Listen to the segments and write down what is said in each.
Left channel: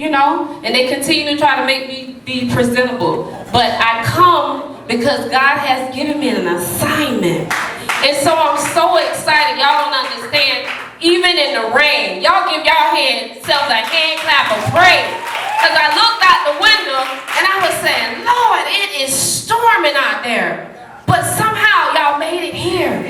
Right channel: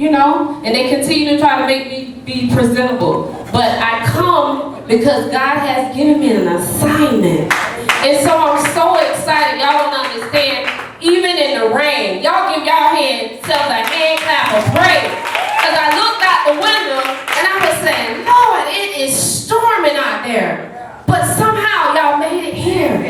you know, and they continue to try to make me be presentable. But I come because God has given me an assignment. And so I'm so excited. Y'all don't understand. Even in the rain, y'all give y'all selves a hand clap of praise. Because I looked out the window and I was saying, Lord, it is storming out there. But somehow y'all made it here.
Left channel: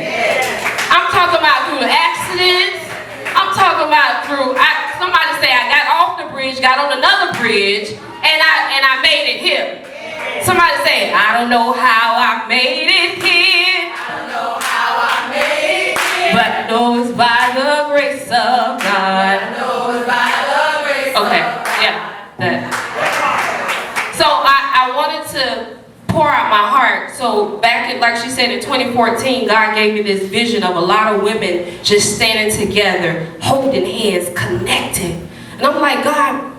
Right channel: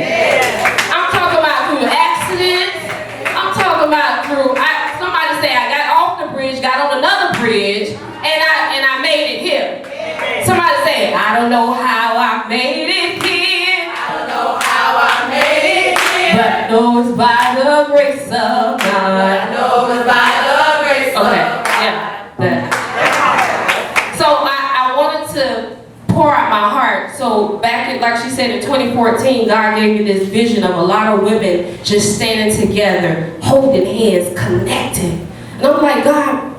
I'm talking about through accidents. I'm talking about through, somebody say I got off the bridge, got on another bridge, and I made it here. Somebody say, I don't know how I made it here. I don't know how I made it here. But I know it's by the grace of God. I know it's by the grace of God. Okay, yeah. So I wanted to pour out my heart. So back in, like she said, in 2014, God gave me this vision of a lot of women just standing together, holding hands, connected. And I'm like, God,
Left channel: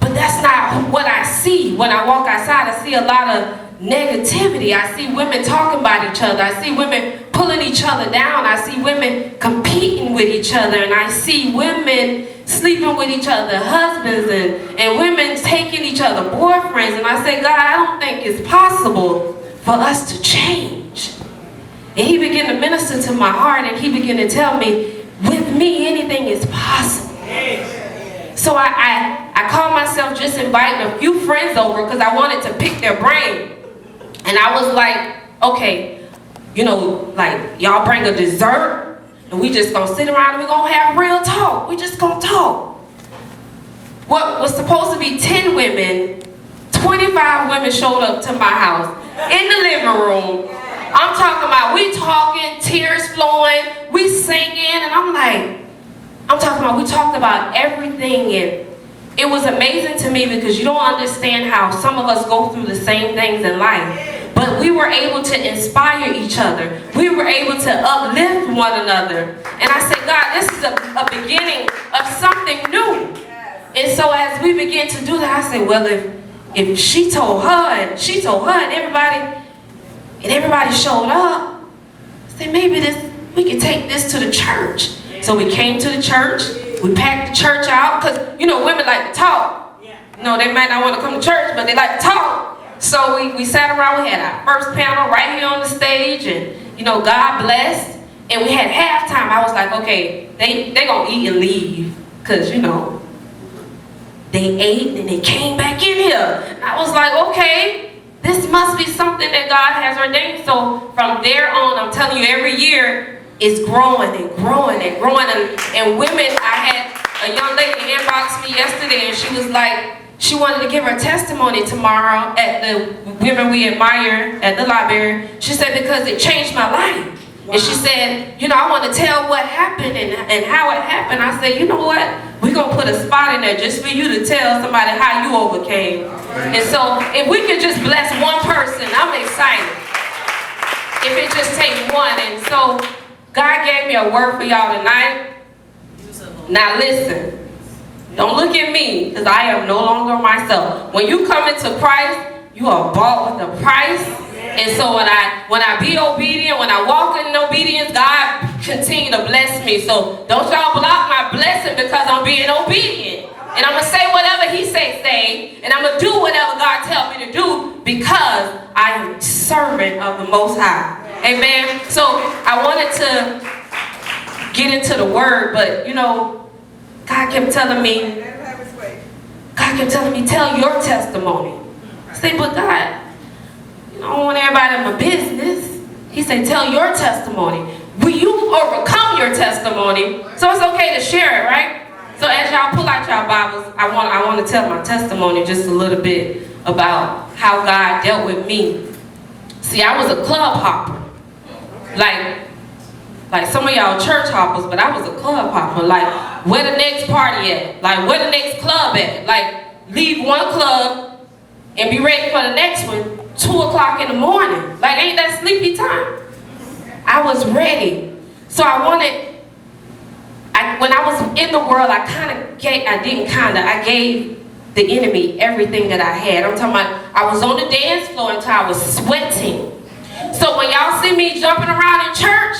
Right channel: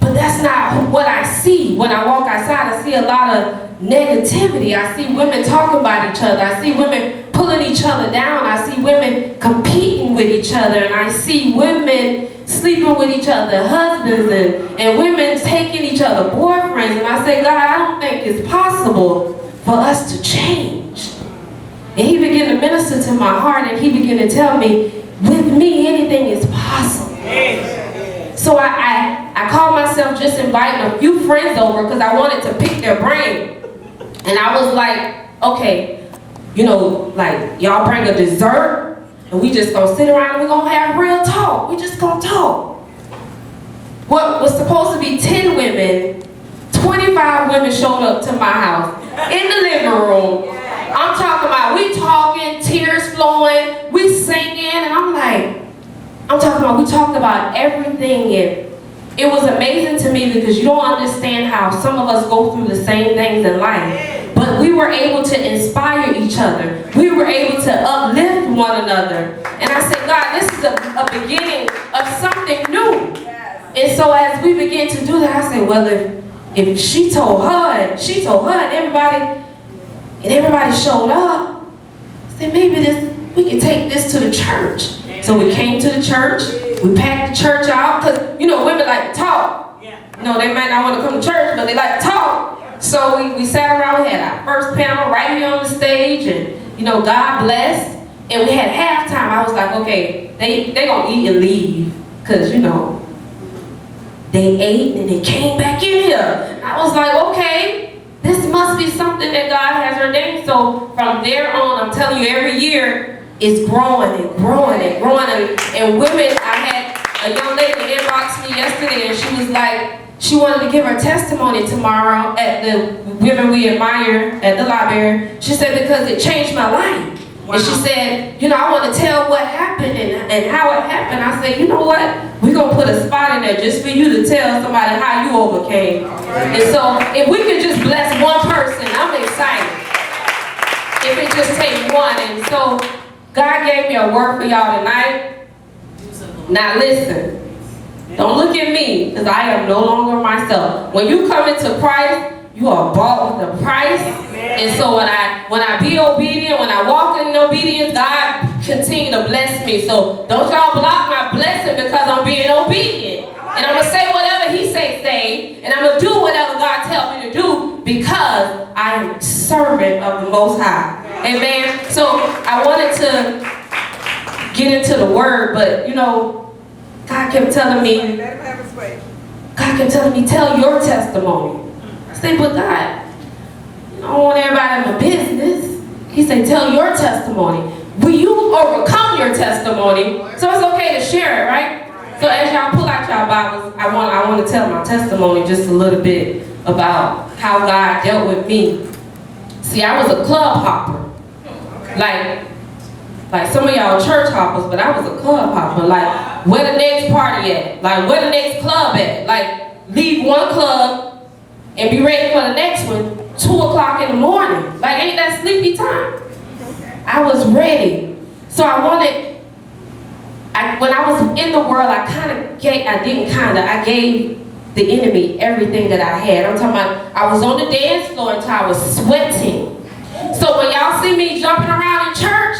but that's not what I see. When I walk outside, I see a lot of negativity. I see women talking about each other. I see women pulling each other down. I see women competing with each other. And I see women sleeping with each other, husbands, and women taking each other boyfriends. And I say, God, I don't think it's possible for us to change. And he began to minister to my heart, and he began to tell me, with me, anything is possible. So I called myself just inviting a few friends over because I wanted to pick their brain. And I was like, okay, you know, like, y'all bring a dessert, and we just gonna sit around and we gonna have real talk. We just gonna talk. What was supposed to be 10 women, 25 women showed up to my house in the living room. I'm talking about, we talking, tears flowing, we singing, and I'm talking about, we talked about everything, and it was amazing to me because you don't understand how some of us go through the same things in life. But we were able to inspire each other. We were able to uplift one another. And I said, God, this is a beginning of something new. And so as we began to do that, I said, well, if she told her, and everybody showed up, I said, maybe we can take this to the church. So we came to the church, we packed the church out, because, you know, women like to talk. You know, they might not want to come to church, but they like to talk. So we sat around, we had our first panel right here on the stage, and, you know, God blessed. And we had halftime. I was like, okay, they gonna eat and leave, because, you know, they ate and they came back in here. And I was like, okay, this must be something that God has ordained. So from there on, I'm telling you, every year, it's growing and growing and growing. And women, I had a young lady inbox me yesterday, and she was like, she wanted to give her testimony tomorrow at the Women We Admire at the library. She said, because it changed my life. Wow. And she said, you know, I want to tell what happened and how it happened. I said, you know what? We're going to put a spot in there just for you to tell somebody how you overcame. Right. And so if we could just bless one person, I'm excited. If it just takes one. And so God gave me a word for y'all tonight. Now listen, don't look at me, because I am no longer myself. When you come into Christ, you are bought with a price. And so when I be obedient, when I walk in obedience, God continue to bless me. So don't y'all block my blessing because I'm being obedient. And I'm going to say whatever he say, and I'm going to do whatever God tells me to do because I am a servant of the Most High. Amen. So I wanted to get into the word, but you know, God kept telling me, tell your testimony. I said, but God, I don't want everybody in my business. He said, tell your testimony. Will you overcome your testimony? So it's okay to share it, right? So as y'all pull out y'all Bibles, I want to tell my testimony just a little bit about how God dealt with me. See, I was a club hopper. Like some of y'all church hoppers, but I was a club hopper. Like, where the next party at? Like, where the next club at? Like, leave one club and be ready for the next one 2 o'clock in the morning. Like, ain't that sleepy time? I was ready. So when I was in the world, I gave the enemy everything that I had. I'm talking about, I was on the dance floor until I was sweating. So when y'all see me jumping around in church,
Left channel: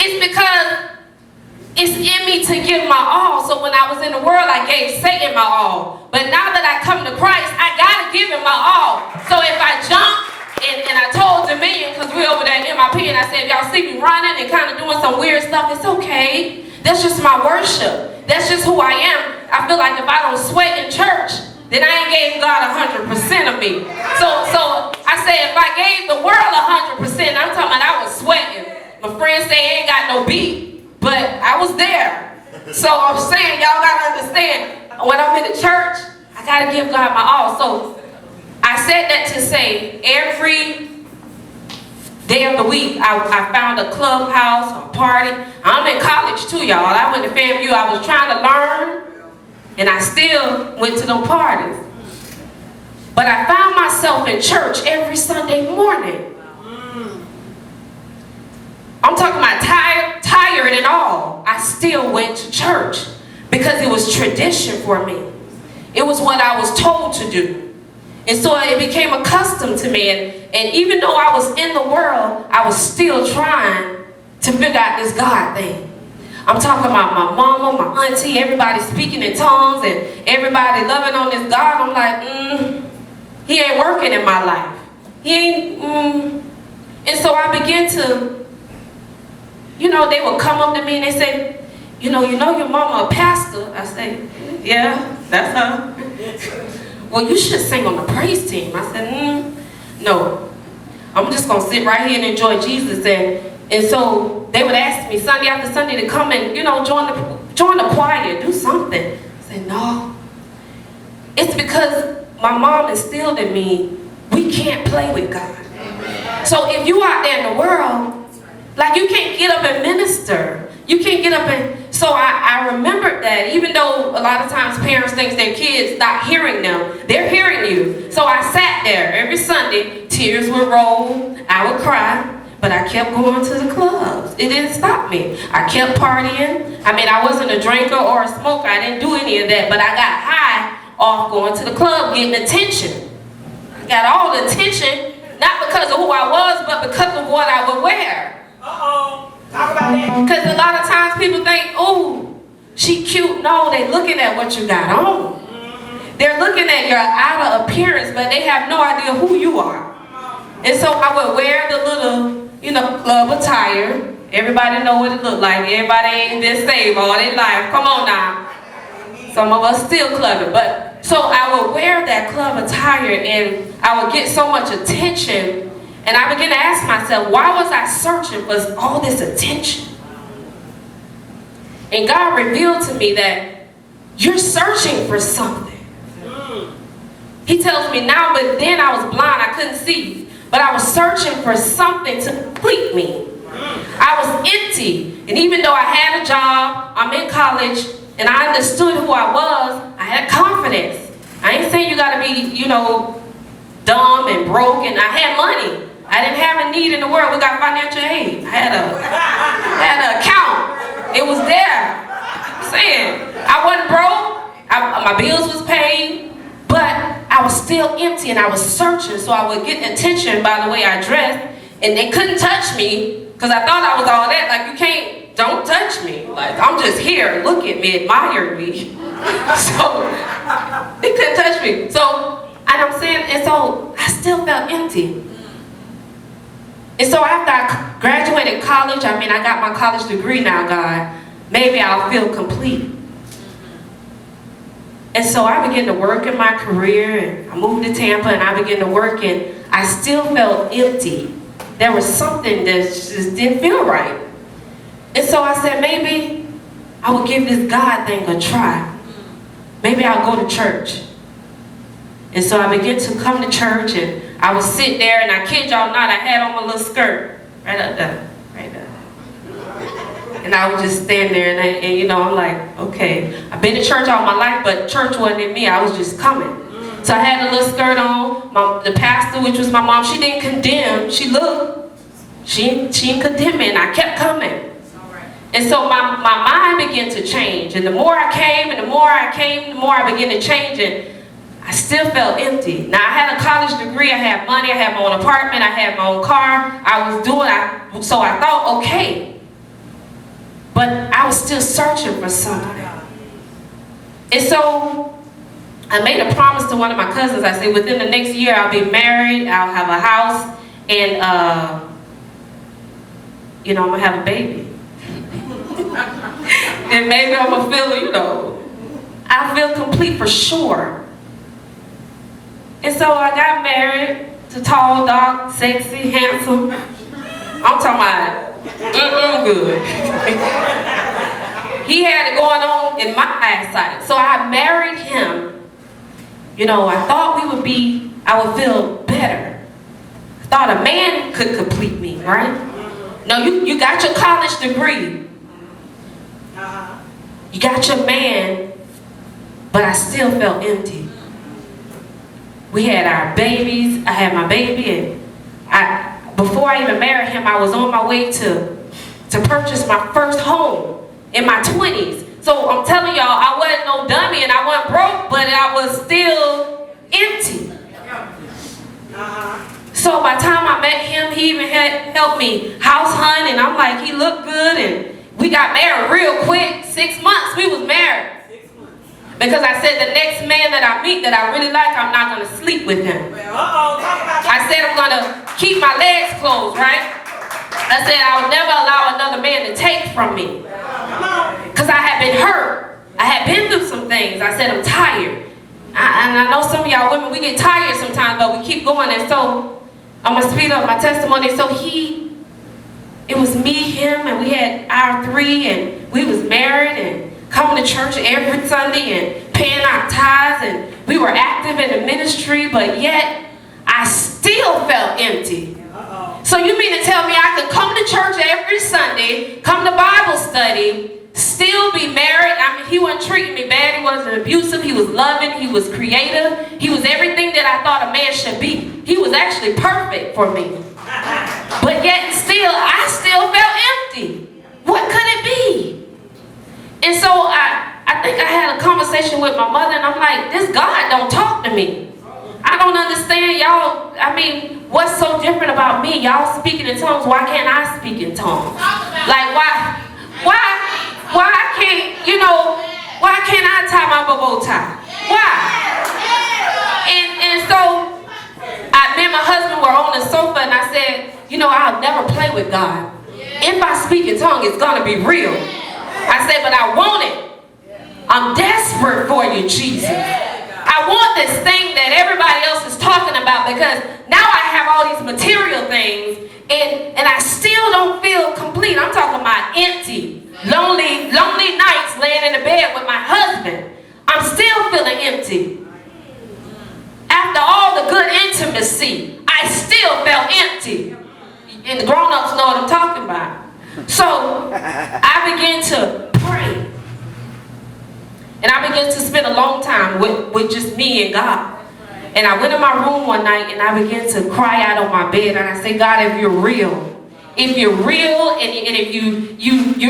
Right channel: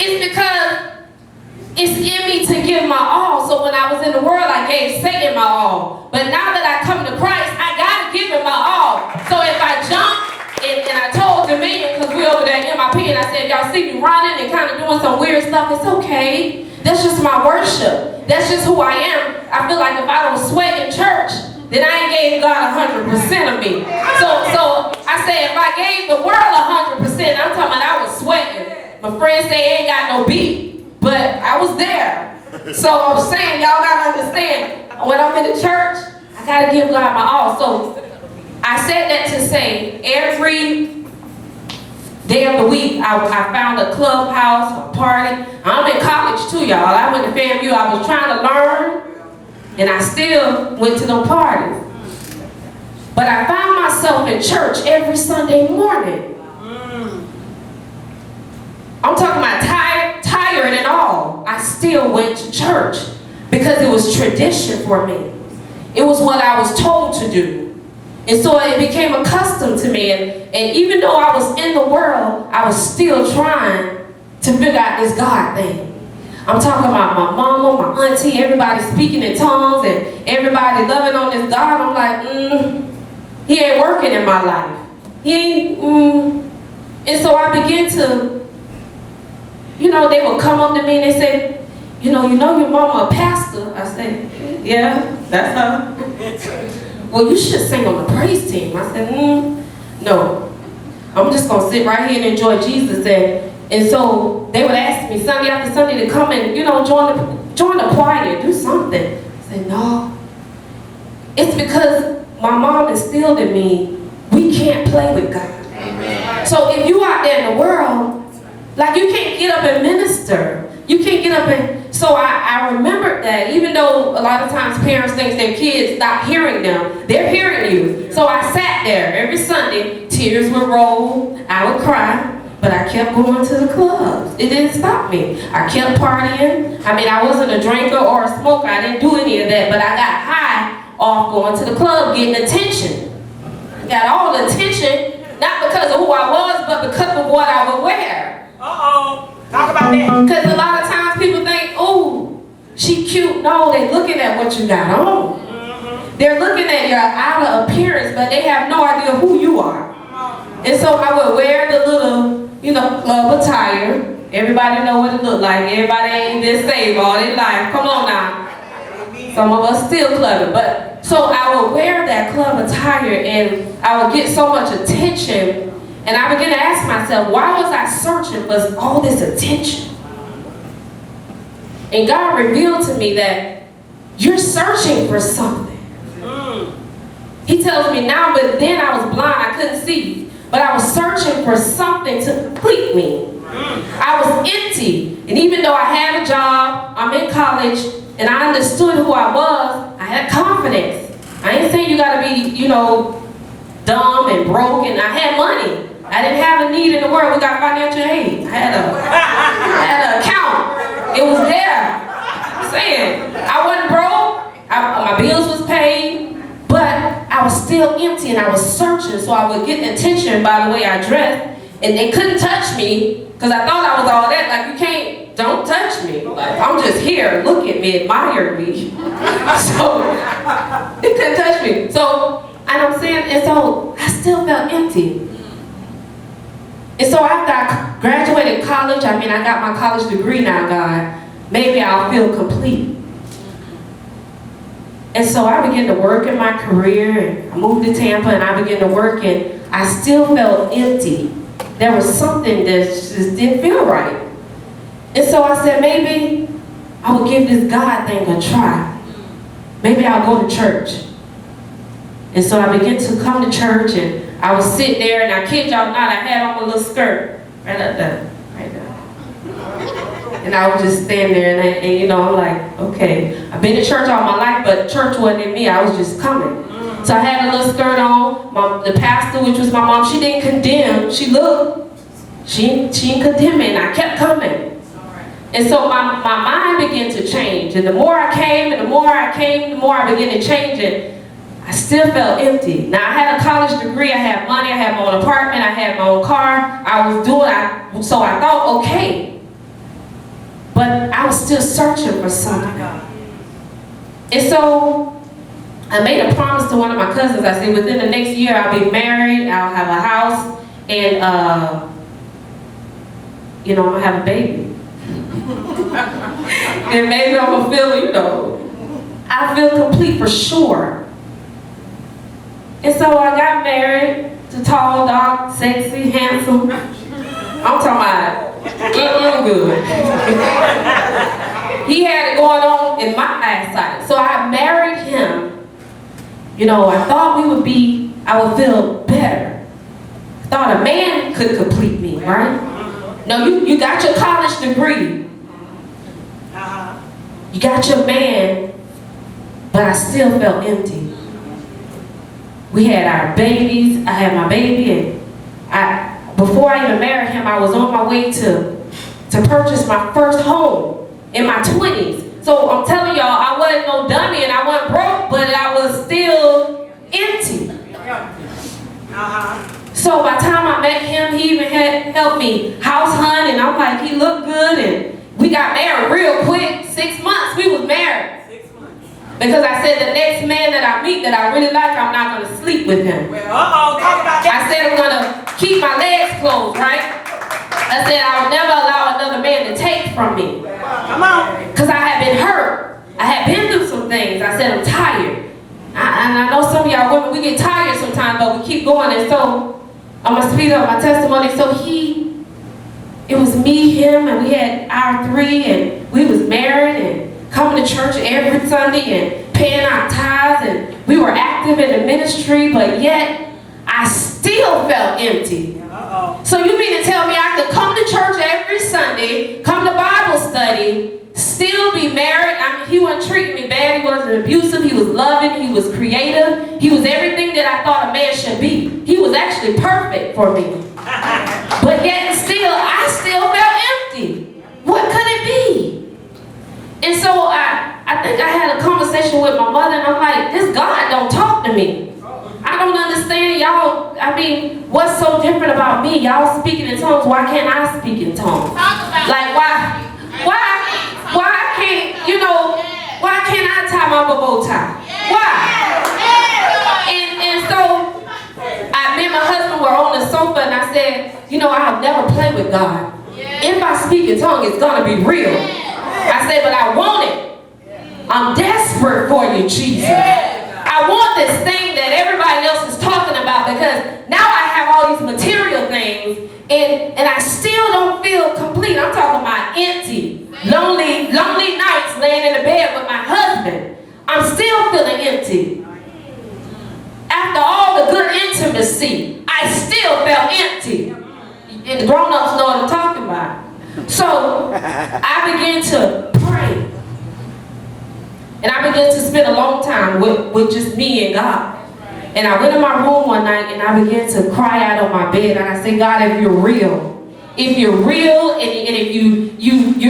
it's because it's in me to give my all. So when I was in the world, I gave Satan my all. But now that I come to Christ, I gotta give him my all. So if I jump, and I told Dominion, because we're over there in MIP, and I said, if y'all see me running and kind of doing some weird stuff, it's okay. That's just my worship. That's just who I am. I feel like if I don't sweat in church, then I ain't gave God 100% of me. So I said, if I gave the world 100%, I'm talking about I was sweating. My friends say ain't got no beat, but I was there. So I'm saying, y'all gotta understand, when I'm in the church, I gotta give God my all. So I said that to say, every day of the week, I found a clubhouse, a party. I'm in college too, y'all. I went to FAMU. I was trying to learn, and I still went to those parties. But I found myself in church every Sunday morning. I'm talking about tired and all. I still went to church because it was tradition for me. It was what I was told to do. And so it became accustomed to me. And even though I was in the world, I was still trying to figure out this God thing. I'm talking about my mama, my auntie, everybody speaking in tongues and everybody loving on this God. I'm like, he ain't working in my life. He ain't, And so I began to, they would come up to me and they say, you know your mama a pastor? I say, yeah, that's her. Well, you should sing on the praise team. I said, no. I'm just going to sit right here and enjoy Jesus. And so they would ask me Sunday after Sunday to come and, join the choir, do something. I said, no. It's because my mom instilled in me, we can't play with God. Amen. So if you out there in the world, like you can't get up and minister. You can't get up and, so I remembered that even though a lot of times parents think their kids not hearing them, they're hearing you. So I sat there every Sunday, tears would roll, I would cry, but I kept going to the clubs. It didn't stop me. I kept partying. I mean, I wasn't a drinker or a smoker. I didn't do any of that, but I got high off going to the club, getting attention. I got all the attention, not because of who I was, but because of what I would wear. Talk about that. Because a lot of times people think, oh, she cute. No, they're looking at what you got on. They're looking at your outer appearance, but they have no idea who you are. And so I would wear the little, club attire. Everybody know what it looked like. Everybody ain't been saved all their life. Come on now. Some of us still clubbing. But so I would wear that club attire and I would get so much attention. And I began to ask myself, why was I searching for all this attention? And God revealed to me that you're searching for something. He tells me now, but then I was blind, I couldn't see. But I was searching for something to complete me. I was empty. And even though I had a job, I'm in college, and I understood who I was, I had confidence. I ain't saying you gotta be, dumb and broke, and I had money. I didn't have a need in the world. We got financial aid. I had an account. It was there. I'm saying, I wasn't broke. My bills was paid, but I was still empty and I was searching. So I would get attention by the way I dressed, and they couldn't touch me because I thought I was all that. Like, don't touch me. Like, I'm just here. Look at me, admire me. So they couldn't touch me. So, and I'm saying, and so I still felt empty. And so after I graduated college, I got my college degree now, God, maybe I'll feel complete. And so I began to work in my career, and I moved to Tampa, and I began to work, and I still felt empty. There was something that just didn't feel right. And so I said, maybe I would give this God thing a try. Maybe I'll go to church. And so I began to come to church, and I would sit there, and I kid y'all not, I had on my little skirt, right up there, right there. And I would just stand there, and I'm like, okay, I've been to church all my life, but church wasn't in me, I was just coming. So I had a little skirt on, the pastor, which was my mom, she didn't condemn, she looked, she didn't condemn me, and I kept coming. And so my mind began to change, and the more I came, and the more I came, the more I began to change it. I still felt empty. Now I had a college degree, I had money, I had my own apartment, I had my own car, I was doing, so I thought, okay. but I was still searching for something. And so I made a promise to one of my cousins. I said, within the next year, I'll be married, I'll have a house, and I'm gonna have a baby. And maybe I'm gonna feel, I feel complete for sure. And so I got married to tall, dark, sexy, handsome. I'm talking about good. He had it going on in my eyesight. So I married him. I thought I would feel better. I thought a man could complete me, right? No, you got your college degree. You got your man, but I still felt empty. We had our babies. I had my baby, and before I even married him, I was on my way to purchase my first home in my 20s. So I'm telling y'all, I wasn't no dummy and I wasn't broke, but I was still empty. So by the time I met him, he even had helped me house hunt, and I'm like, he looked good, and we got married real quick. 6 months, we was married. Because I said the next man that I meet that I really like, I'm not going to sleep with him. I said I'm going to keep my legs closed, right? I said I would never allow another man to take from me. Because I had been hurt. I had been through some things. I said I'm tired. And I know some of y'all women, we get tired sometimes, but we keep going. And so I'm going to speed up my testimony. So it was me, him, and we had our 3, and we was married and coming to church every Sunday and paying our tithes, and we were active in the ministry, but yet I still felt empty. So you mean to tell me I could come to church every Sunday, come to Bible study, still be married? I mean, he wasn't treating me bad, he wasn't abusive, he was loving, he was creative, he was everything that I thought a man should be. He was actually perfect for me. But yet I still felt empty. What could it be? And so I think I had a conversation with my mother, and I'm like, this God don't talk to me. I don't understand y'all. I mean, what's so different about me? Y'all speaking in tongues, why can't I speak in tongues? Like why can't, why can't I tie my bow tie? Why? And so me and my husband were on the sofa, and I said, I'll never play with God. If I speak in tongues, it's gonna be real. I said, but I want it. I'm desperate for you, Jesus. I want this thing that everybody else is talking about, because now I have all these material things, and I still don't feel complete. I'm talking about empty, lonely nights laying in the bed with my husband. I'm still feeling empty. After all the good intimacy, I still felt empty. And the grown-ups know what I'm talking about. So I began to pray. And I began to spend a long time with just me and God. And I went in my room one night and I began to cry out on my bed. And I said, God, if you're real, and if you're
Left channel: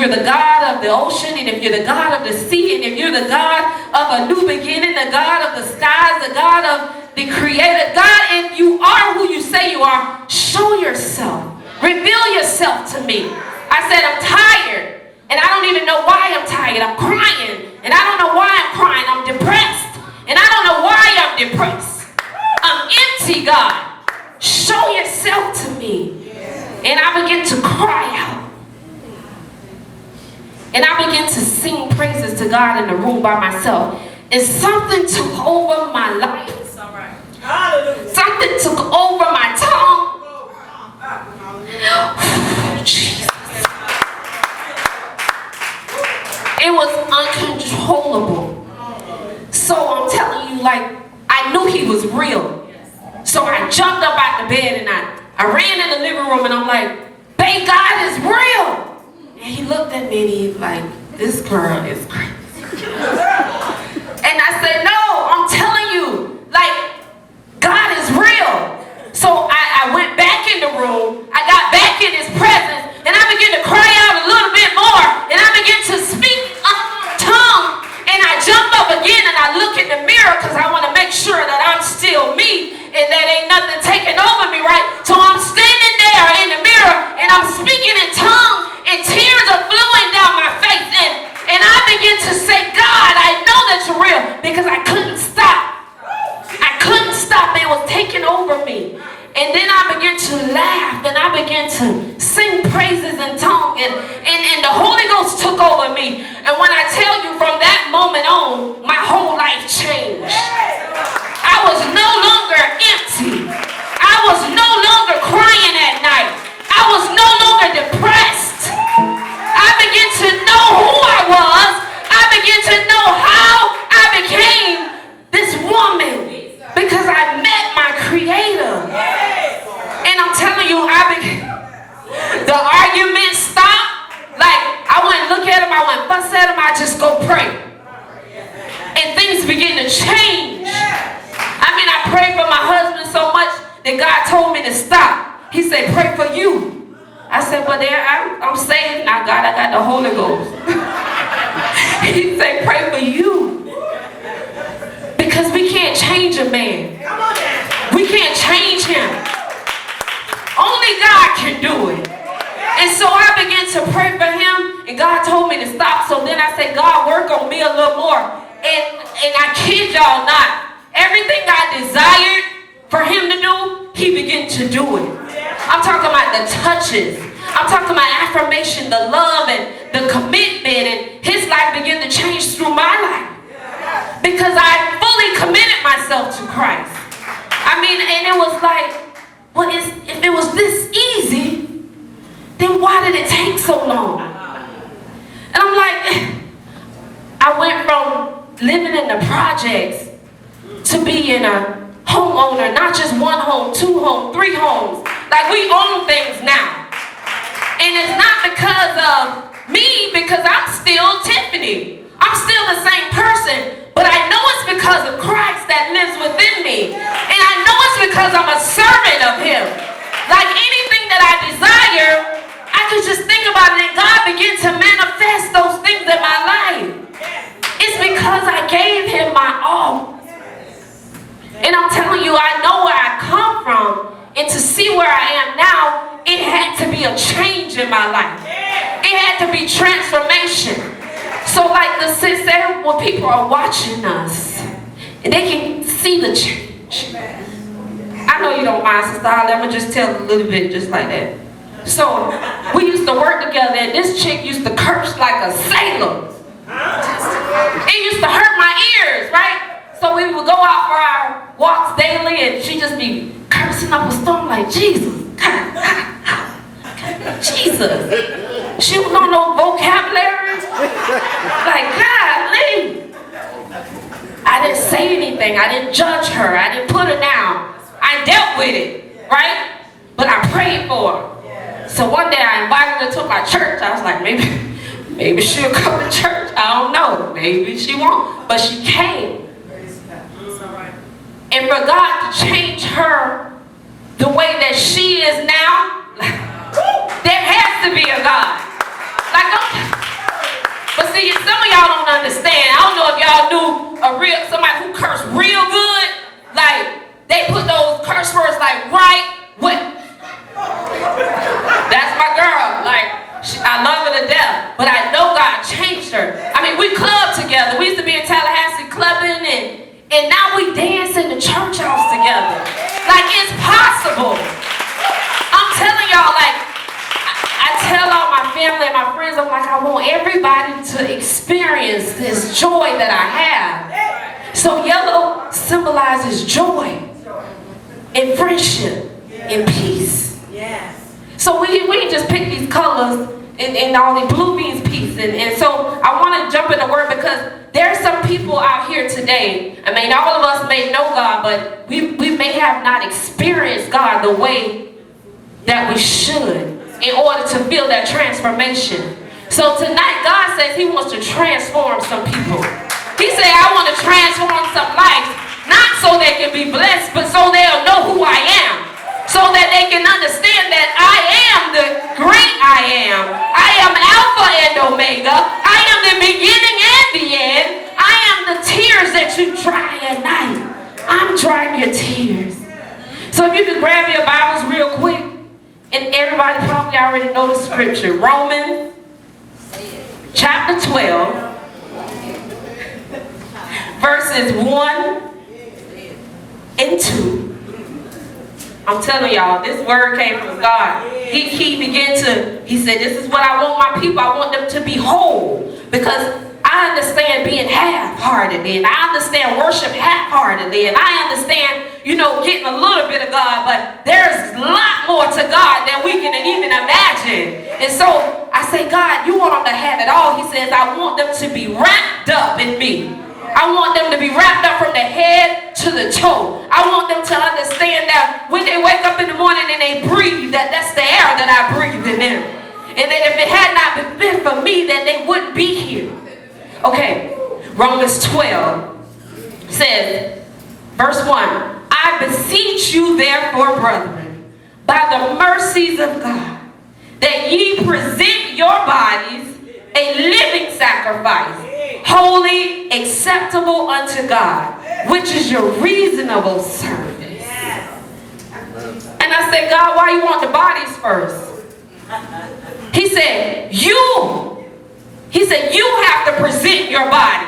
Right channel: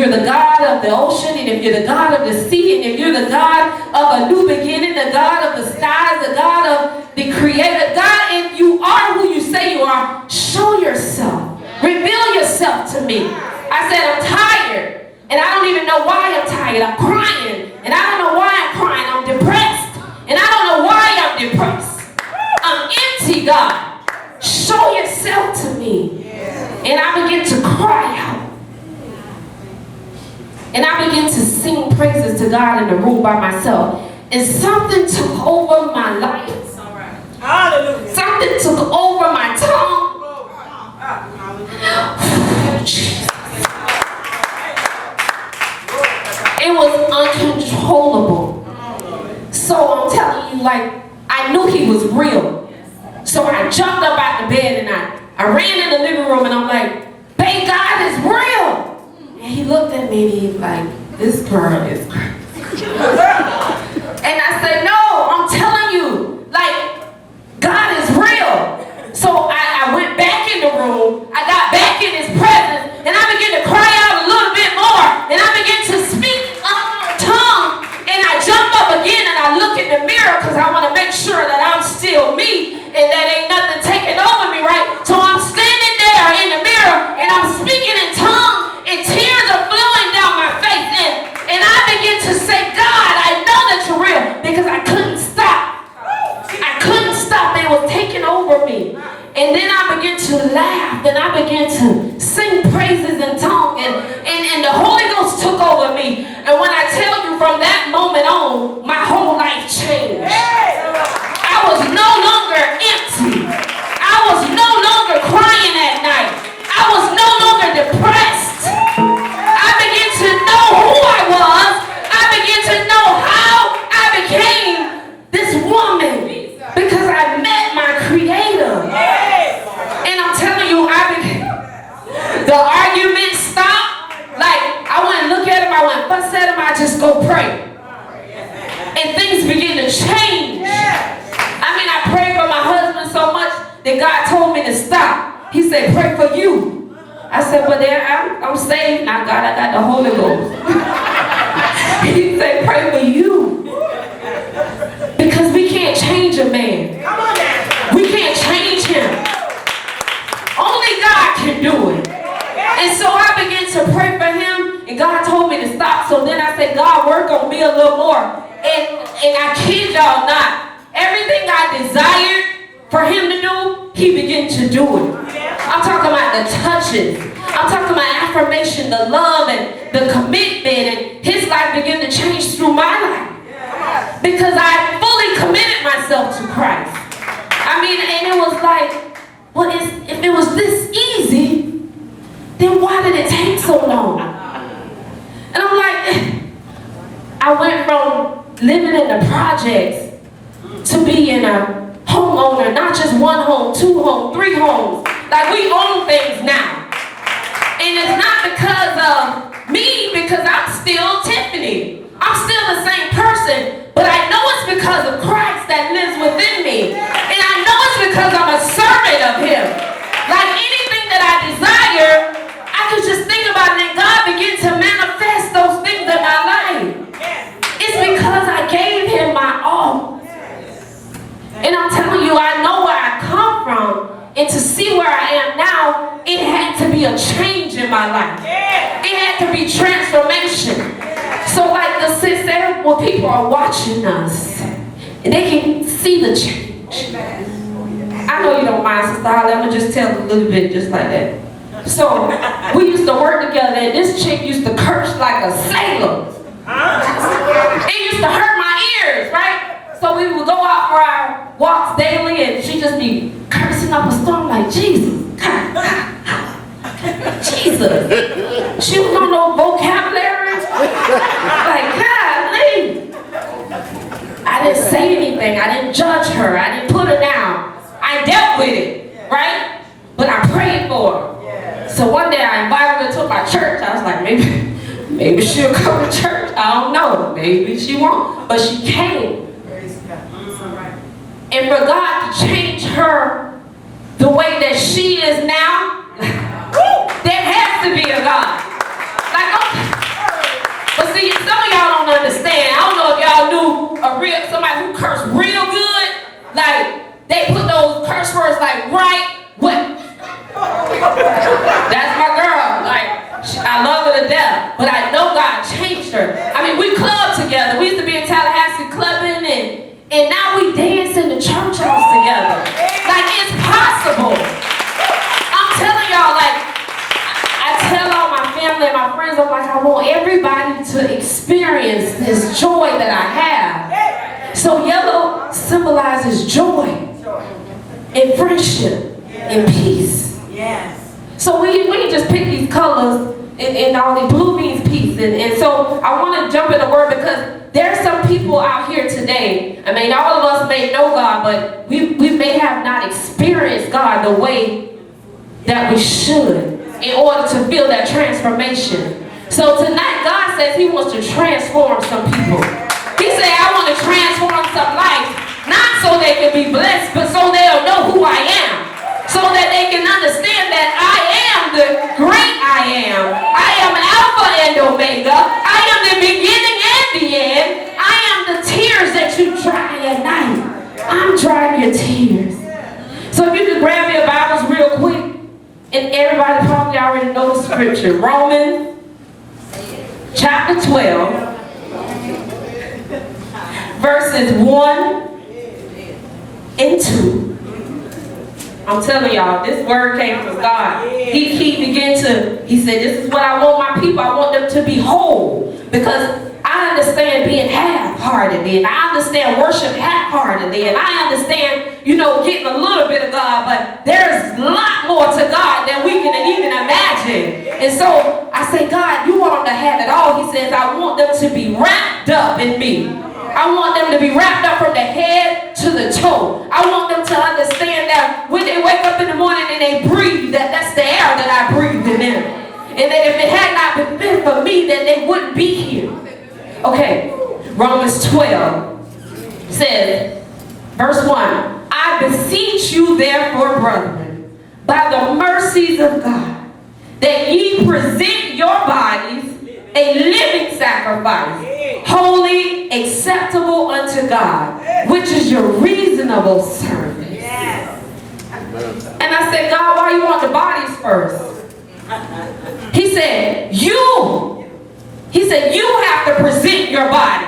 the God of the ocean, and if you're the God of the sea, and if you're the God of a new beginning, the God of the skies, the God of the creator, God, if you are who you say you are, show yourself. Reveal yourself to me. I said, I'm tired, and I don't even know why I'm tired. I'm crying, and I don't know why I'm crying. I'm depressed, and I don't know why I'm depressed. I'm empty, God. Show yourself to me. And I began to cry out. And I began to sing praises to God in the room by myself. And something took over my life. Something took over my tongue. Jesus. It was uncontrollable. So I'm telling you, I knew he was real. So I jumped up out the bed and I ran in the living room and I'm like, babe, God is real. And he looked at me and he was like, this girl is crazy. And I said, no, I'm telling you, God is real. So I went back in the room, I got back in his presence, and I began to cry out a little bit more, and I began to speak tongue, and I jump up again and I look in the mirror because I want to make sure that I'm still me and that ain't nothing taking over me, right? So I'm standing there in the mirror and I'm speaking in tongues and tears are flowing down my face. And then I began to laugh, and I began to sing praises in tongues, and the Holy Ghost took over me. And when I tell you, from that moment on, my whole life changed. I was no longer empty. I was no longer crying at night. I was no longer depressed. I began to know who I was. I began to know how I became this woman, because I met my Creator. And I'm telling you, the arguments stopped. Like, I wouldn't look at him, I wouldn't fuss at him, I just go pray. And things begin to change. I mean, I prayed for my husband so much that God told me to stop. He said, pray for you. I said, but I'm saved now, God, I got the Holy Ghost. He said, pray for you. Because we can't change a man. We can't change him. Only God can do it. And so I began to pray for him, and God told me to stop. So then I said, God, work on me a little more. And I kid y'all not, everything I desired for him to do, he began to do it. I'm talking about the touches. I'm talking about affirmation, the love, and the commitment, and his life began to change through my life. Because I fully committed myself to Christ. I mean, and it was like, well, if it was this easy, then why did it take so long? And I'm like, I went from living in the projects to being a homeowner, not just one home, 2 homes, 3 homes. Like, we own things now. And it's not because of me, because I'm still Tiffany. I'm still the same person, but I know it's because of Christ that lives within me. And I know it's because I'm a servant of him. Like anything that I desire, I can just think about it and God begin to manifest those things in my life. It's because I gave him my all. And I'm telling you, I know where I come from, and to see where I am now, it had to be a change in my life. It had to be transformation. So like the sis said, when people are watching us, and they can see the change. I know you don't mind, Sister Holly, I'm going to just tell a little bit just like that. So, we used to work together, and this chick used to curse like a sailor. It used to hurt my ears, right? So we would go out for our walks daily, and she'd just be cursing up a storm like, Jesus. Jesus. She was on no vocabulary. Like, golly. I didn't say anything. I didn't judge her. I didn't put her down. I dealt with it, right? But I prayed for her. So one day I invited her to my church. I was like, maybe she'll come to church. I don't know. Maybe she won't. But she came. And for God to change her the way that she is now, there has to be a God. Like, but see, some of y'all don't understand. I don't know if y'all knew somebody who cursed real good. Like, they put those curse words like right, what? That's my girl. Like, I love her to death. But I know God changed her. I mean, we clubbed together. We used to be in Tallahassee clubbing, and now we dance in the church house together. Like, it's possible. I'm telling y'all, like, I tell all my family and my friends, I'm like, I want everybody to experience this joy that I have. So yellow symbolizes joy and friendship and peace. Yes. So we can just pick these colors and all the blue means peace. And so I want to jump in the word because there are some people out here today. I mean, all of us may know God, but we may have not experienced God the way that we should in order to feel that transformation. So tonight, God says he wants to transform some people. He said, I want to transform some lives, not so they can be blessed, but so they'll know who I am. So that they can understand that I am the great I am. I am Alpha and Omega. I am the beginning and the end. I am the tears that you dry at night. I'm drying your tears. So if you could grab your Bibles real quick, and everybody probably already know the scripture. Romans chapter 12, verses 1 and 2. I'm telling y'all, this word came from God. He said, this is what I want my people. I want them to be whole. Because I understand being half-heartedly, and I understand worship half-heartedly, and I understand, getting a little bit of God, but there's a lot more to God than we can even imagine. And so I say, God, you want them to have it all. He says, I want them to be wrapped up in me. I want them to be wrapped up from the head to the toe. I want them to understand that when they wake up in the morning and they breathe, that's the air that I breathe in them. And that if it had not been for me, that they wouldn't be here. Okay, Romans 12 says, verse 1, I beseech you therefore, brethren, by the mercies of God, that ye present your bodies a living sacrifice, holy, acceptable unto God, which is your reasonable service. And I said, God, why you want the bodies first? He said, you have to present your body.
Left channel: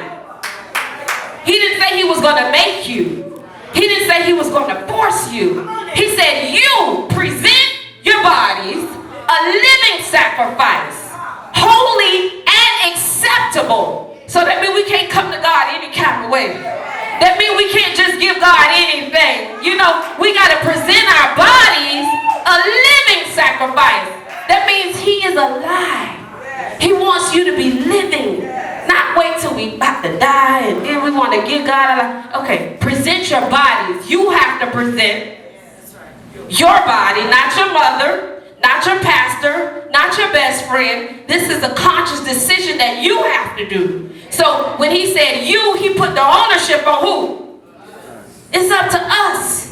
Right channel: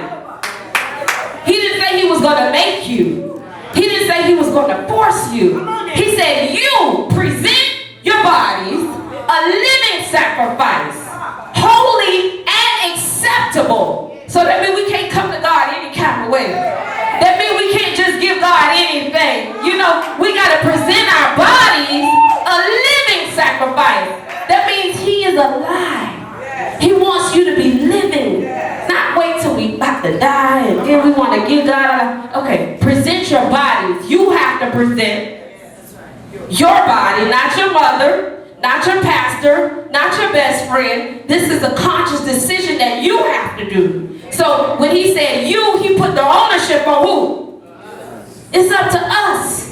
He didn't say he was going to make you. He didn't say he was going to force you. He said, you present your bodies a living sacrifice, holy and acceptable. So that means we can't come to God any kind of way. That means we can't just give God anything. We got to present our bodies a living sacrifice. That means he is alive. He wants you to be living. Not wait till we about to die and then we want to give God okay, present your bodies. You have to present your body, not your mother, not your pastor, not your best friend. This is a conscious decision that you have to do. So when he said you, he put the ownership on who? It's up to us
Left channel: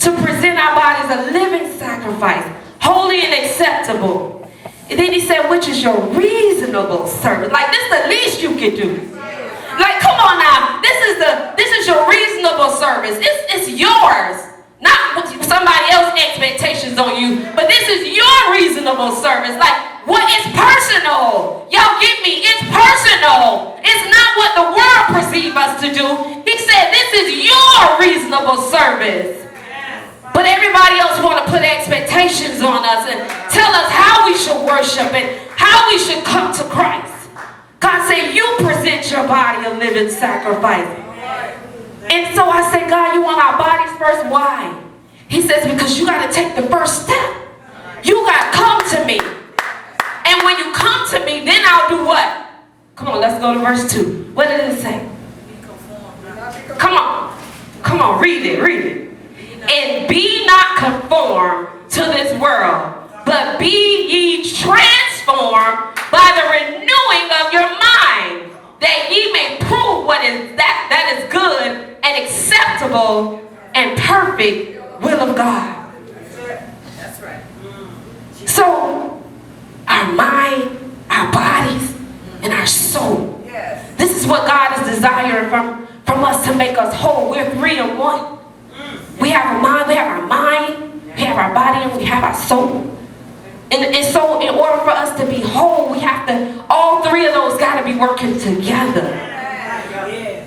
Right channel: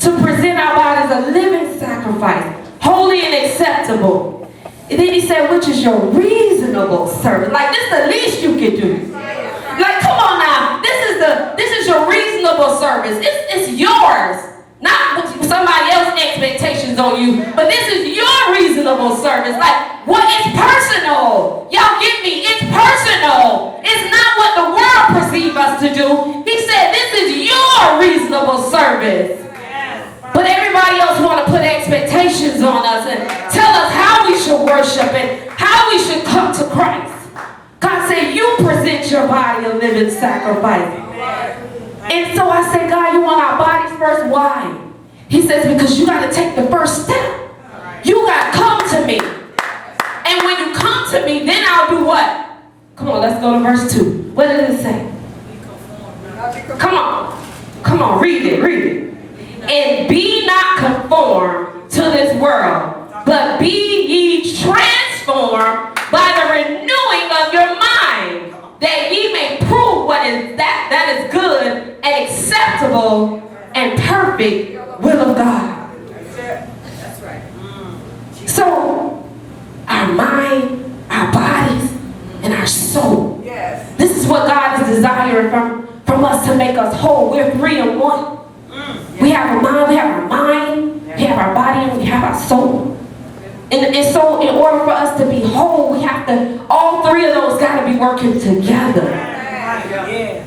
to present our bodies a living sacrifice, holy and acceptable. And then he said, which is your reasonable service. Like, this is the least you can do. Like, come on now. This is your reasonable service. It's yours. Not somebody else's expectations on you. But this is your reasonable service. Like, what is personal? Y'all get me? It's personal. It's not what the world perceives us to do. He said, this is your reasonable service. But everybody else want to put expectations on us and tell us how we should worship and how we should come to Christ. God said, you present your body a living sacrifice. And so I said, God, you want our bodies first? Why? He says, because you got to take the first step. You got to come to me. And when you come to me, then I'll do what? Come on, let's go to verse 2. What did it say? Come on, read it. And be not conformed to this world, but be ye transformed by the renewing of your mind, that ye may prove what is that is good and acceptable and perfect will of God. That's right. So, our mind, our bodies, and our soul. Yes. This is what God is desiring from us to make us whole. We're 3 in 1. We have our mind, we have our body, and we have our soul. And so in order for us to be whole, we have to, all 3 of those got to be working together.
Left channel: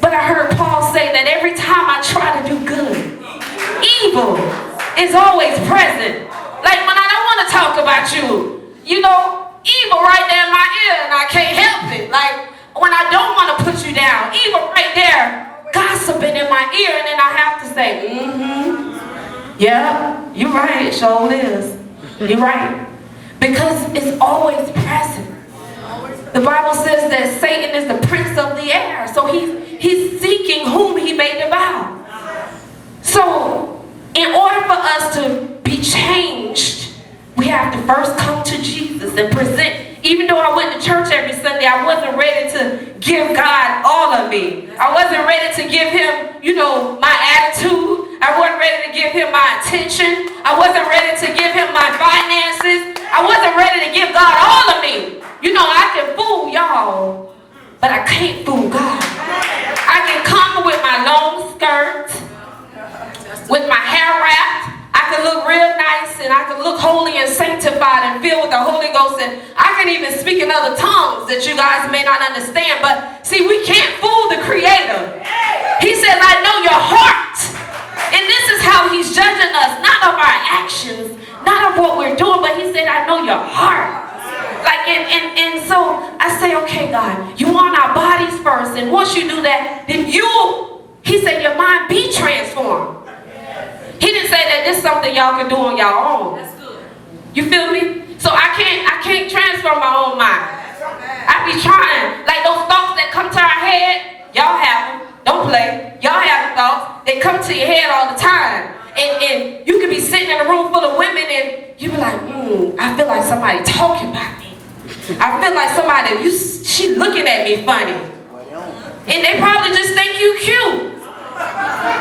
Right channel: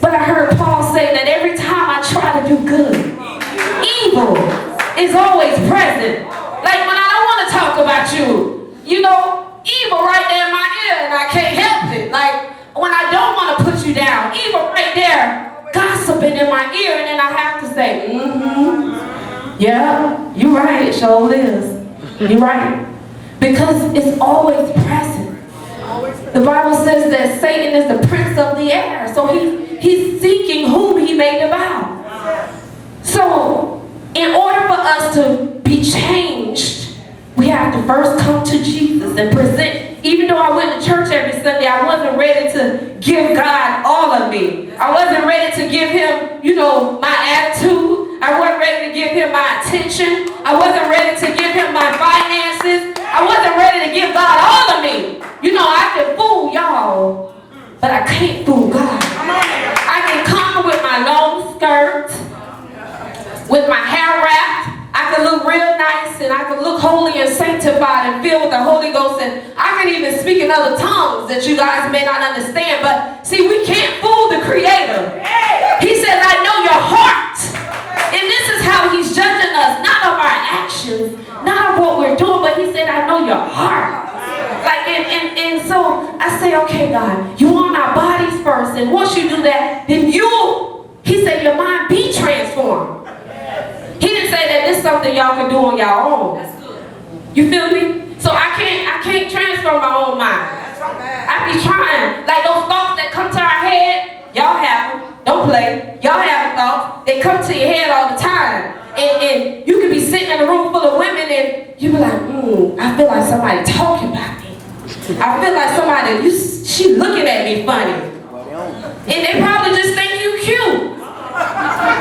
But I heard Paul say that every time I try to do good, evil is always present. Like when I don't want to talk about you, evil right there in my ear and I can't help it. Like when I don't want to put you down, evil right there, gossiping in my ear, and then I have to say, yeah, you're right, it sure is. You're right. Because it's always present. The Bible says that Satan is the prince of the air, so he's seeking whom he may devour. So, in order for us to be changed, we have to first come to Jesus and present. Even though I went to church every Sunday, I wasn't ready to give God all of me. I wasn't ready to give him, my attitude. I wasn't ready to give him my attention. I wasn't ready to give him my finances. I wasn't ready to give God all of me. I can fool y'all, but I can't fool God. I can come with my long skirt, with my hair wrapped. I can look real nice and I can look holy and sanctified and filled with the Holy Ghost, and I can even speak in other tongues that you guys may not understand. But see, we can't fool the Creator. He says, I know your heart. And this is how he's judging us, not of our actions, not of what we're doing, but he said, I know your heart. Like, and so I say, okay, God, you want our bodies first, and once you do that, then he said, your mind be transformed. He didn't say that this is something y'all can do on your own. That's good. You feel me? So I can't transform my own mind. I be trying, like those thoughts that come to our head, y'all have them. Don't play. Y'all have the thoughts. They come to your head all the time. And you could be sitting in a room full of women and you be like, I feel like somebody talking about me. I feel like she looking at me funny. And they probably just think you cute.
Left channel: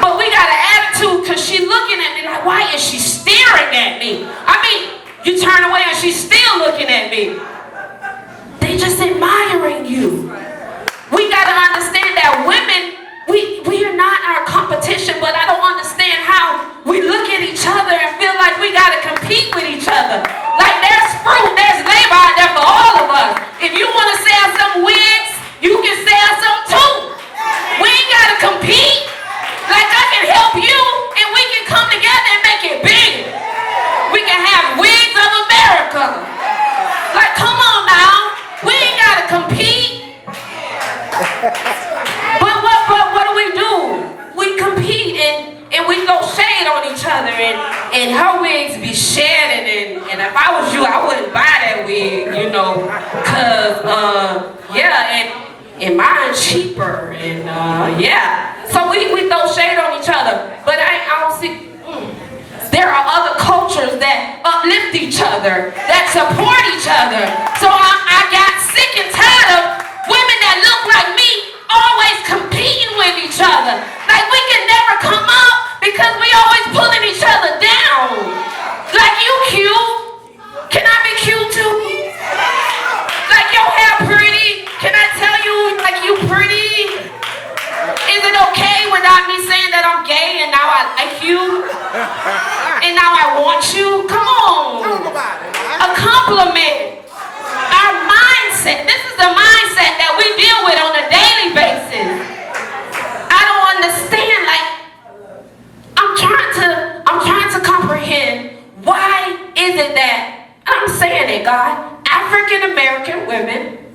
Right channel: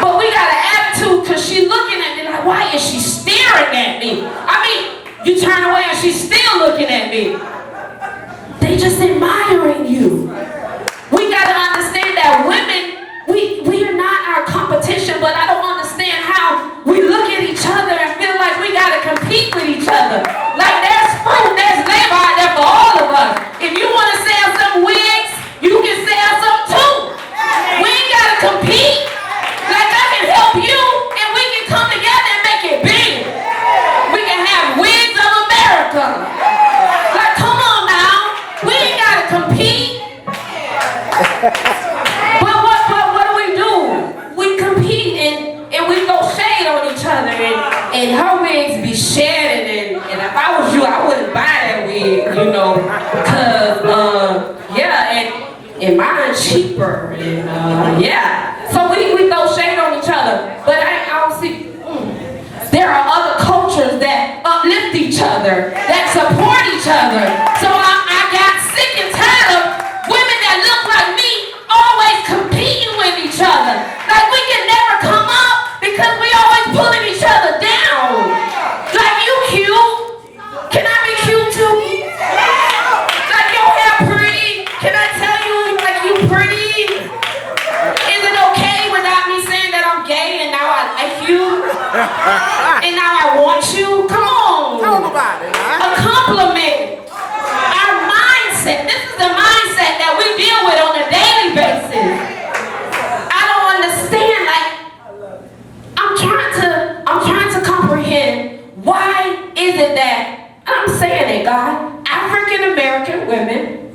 But we got an attitude because she looking at me like, why is she staring at me? I mean, you turn away and she's still looking at me. They just admiring you. We got to understand that women, we are not our competition, but I don't understand how we look at each other and feel like we got to compete with each other. Like there's fruit, there's labor out there for all of us. If you want to sell some wigs, you can sell some too. We ain't got to compete. Like I can help you and we can come together and make it big. We can have wigs of America. Like come on now. We ain't got to compete. But what do? We compete and we throw shade on each other and her wigs be shedding and if I was you, I wouldn't buy that wig, you know, cause and mine's cheaper and so we throw shade on each other. But I don't see. There are other cultures that uplift each other, that support each other. So I got sick and tired of women that look like me always competing with each other. Like we can never come up because we always pulling each other down. Like you cute. Can I be cute too? Like your hair pretty. Can I tell you like you pretty? Is it okay without me saying that I'm gay and now I like you? And now I want you? Come on. Talk about it, huh? A compliment. Our mindset. This is the mindset that we deal with on a daily basis. I don't understand. Like, I'm trying to comprehend why is it that I'm saying it, God. African American women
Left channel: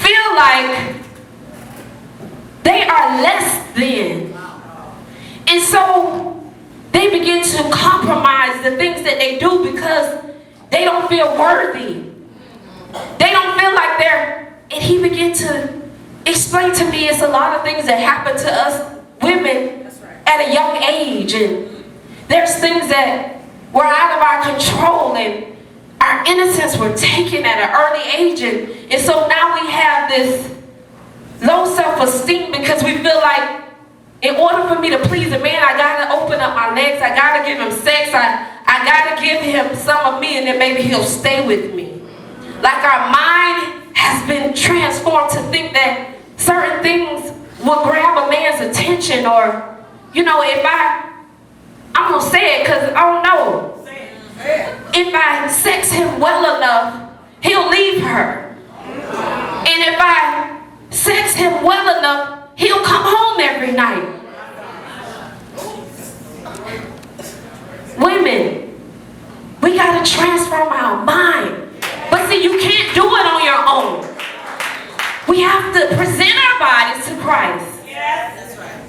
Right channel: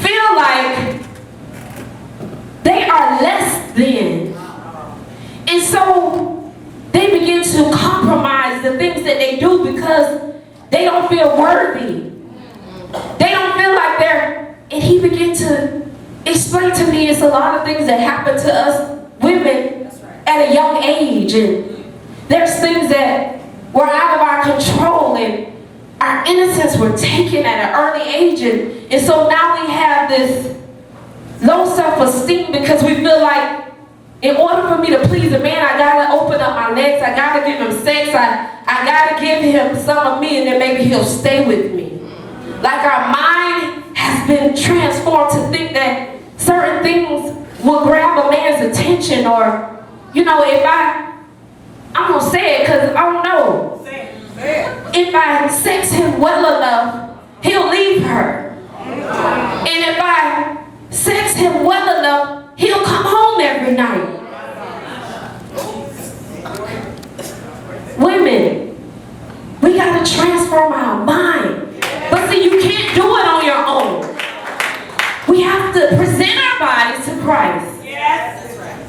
feel like they are less than. And so they begin to compromise the things that they do because they don't feel worthy. They don't feel like they're, and he began to explain to me it's a lot of things that happen to us women at a young age. And there's things that were out of our control and our innocence were taken at an early age. And so now we have this low self-esteem because we feel like in order for me to please a man, I gotta open up my legs, I gotta give him sex, I gotta give him some of me and then maybe he'll stay with me. Like our mind has been transformed to think that certain things will grab a man's attention or, you know, if I'm gonna say it because I don't know. If I sex him well enough, he'll leave her. And if I sex him well enough, he'll come home every night. Women, we gotta transform our mind. But see, you can't do it on your own. We have to present our bodies to Christ.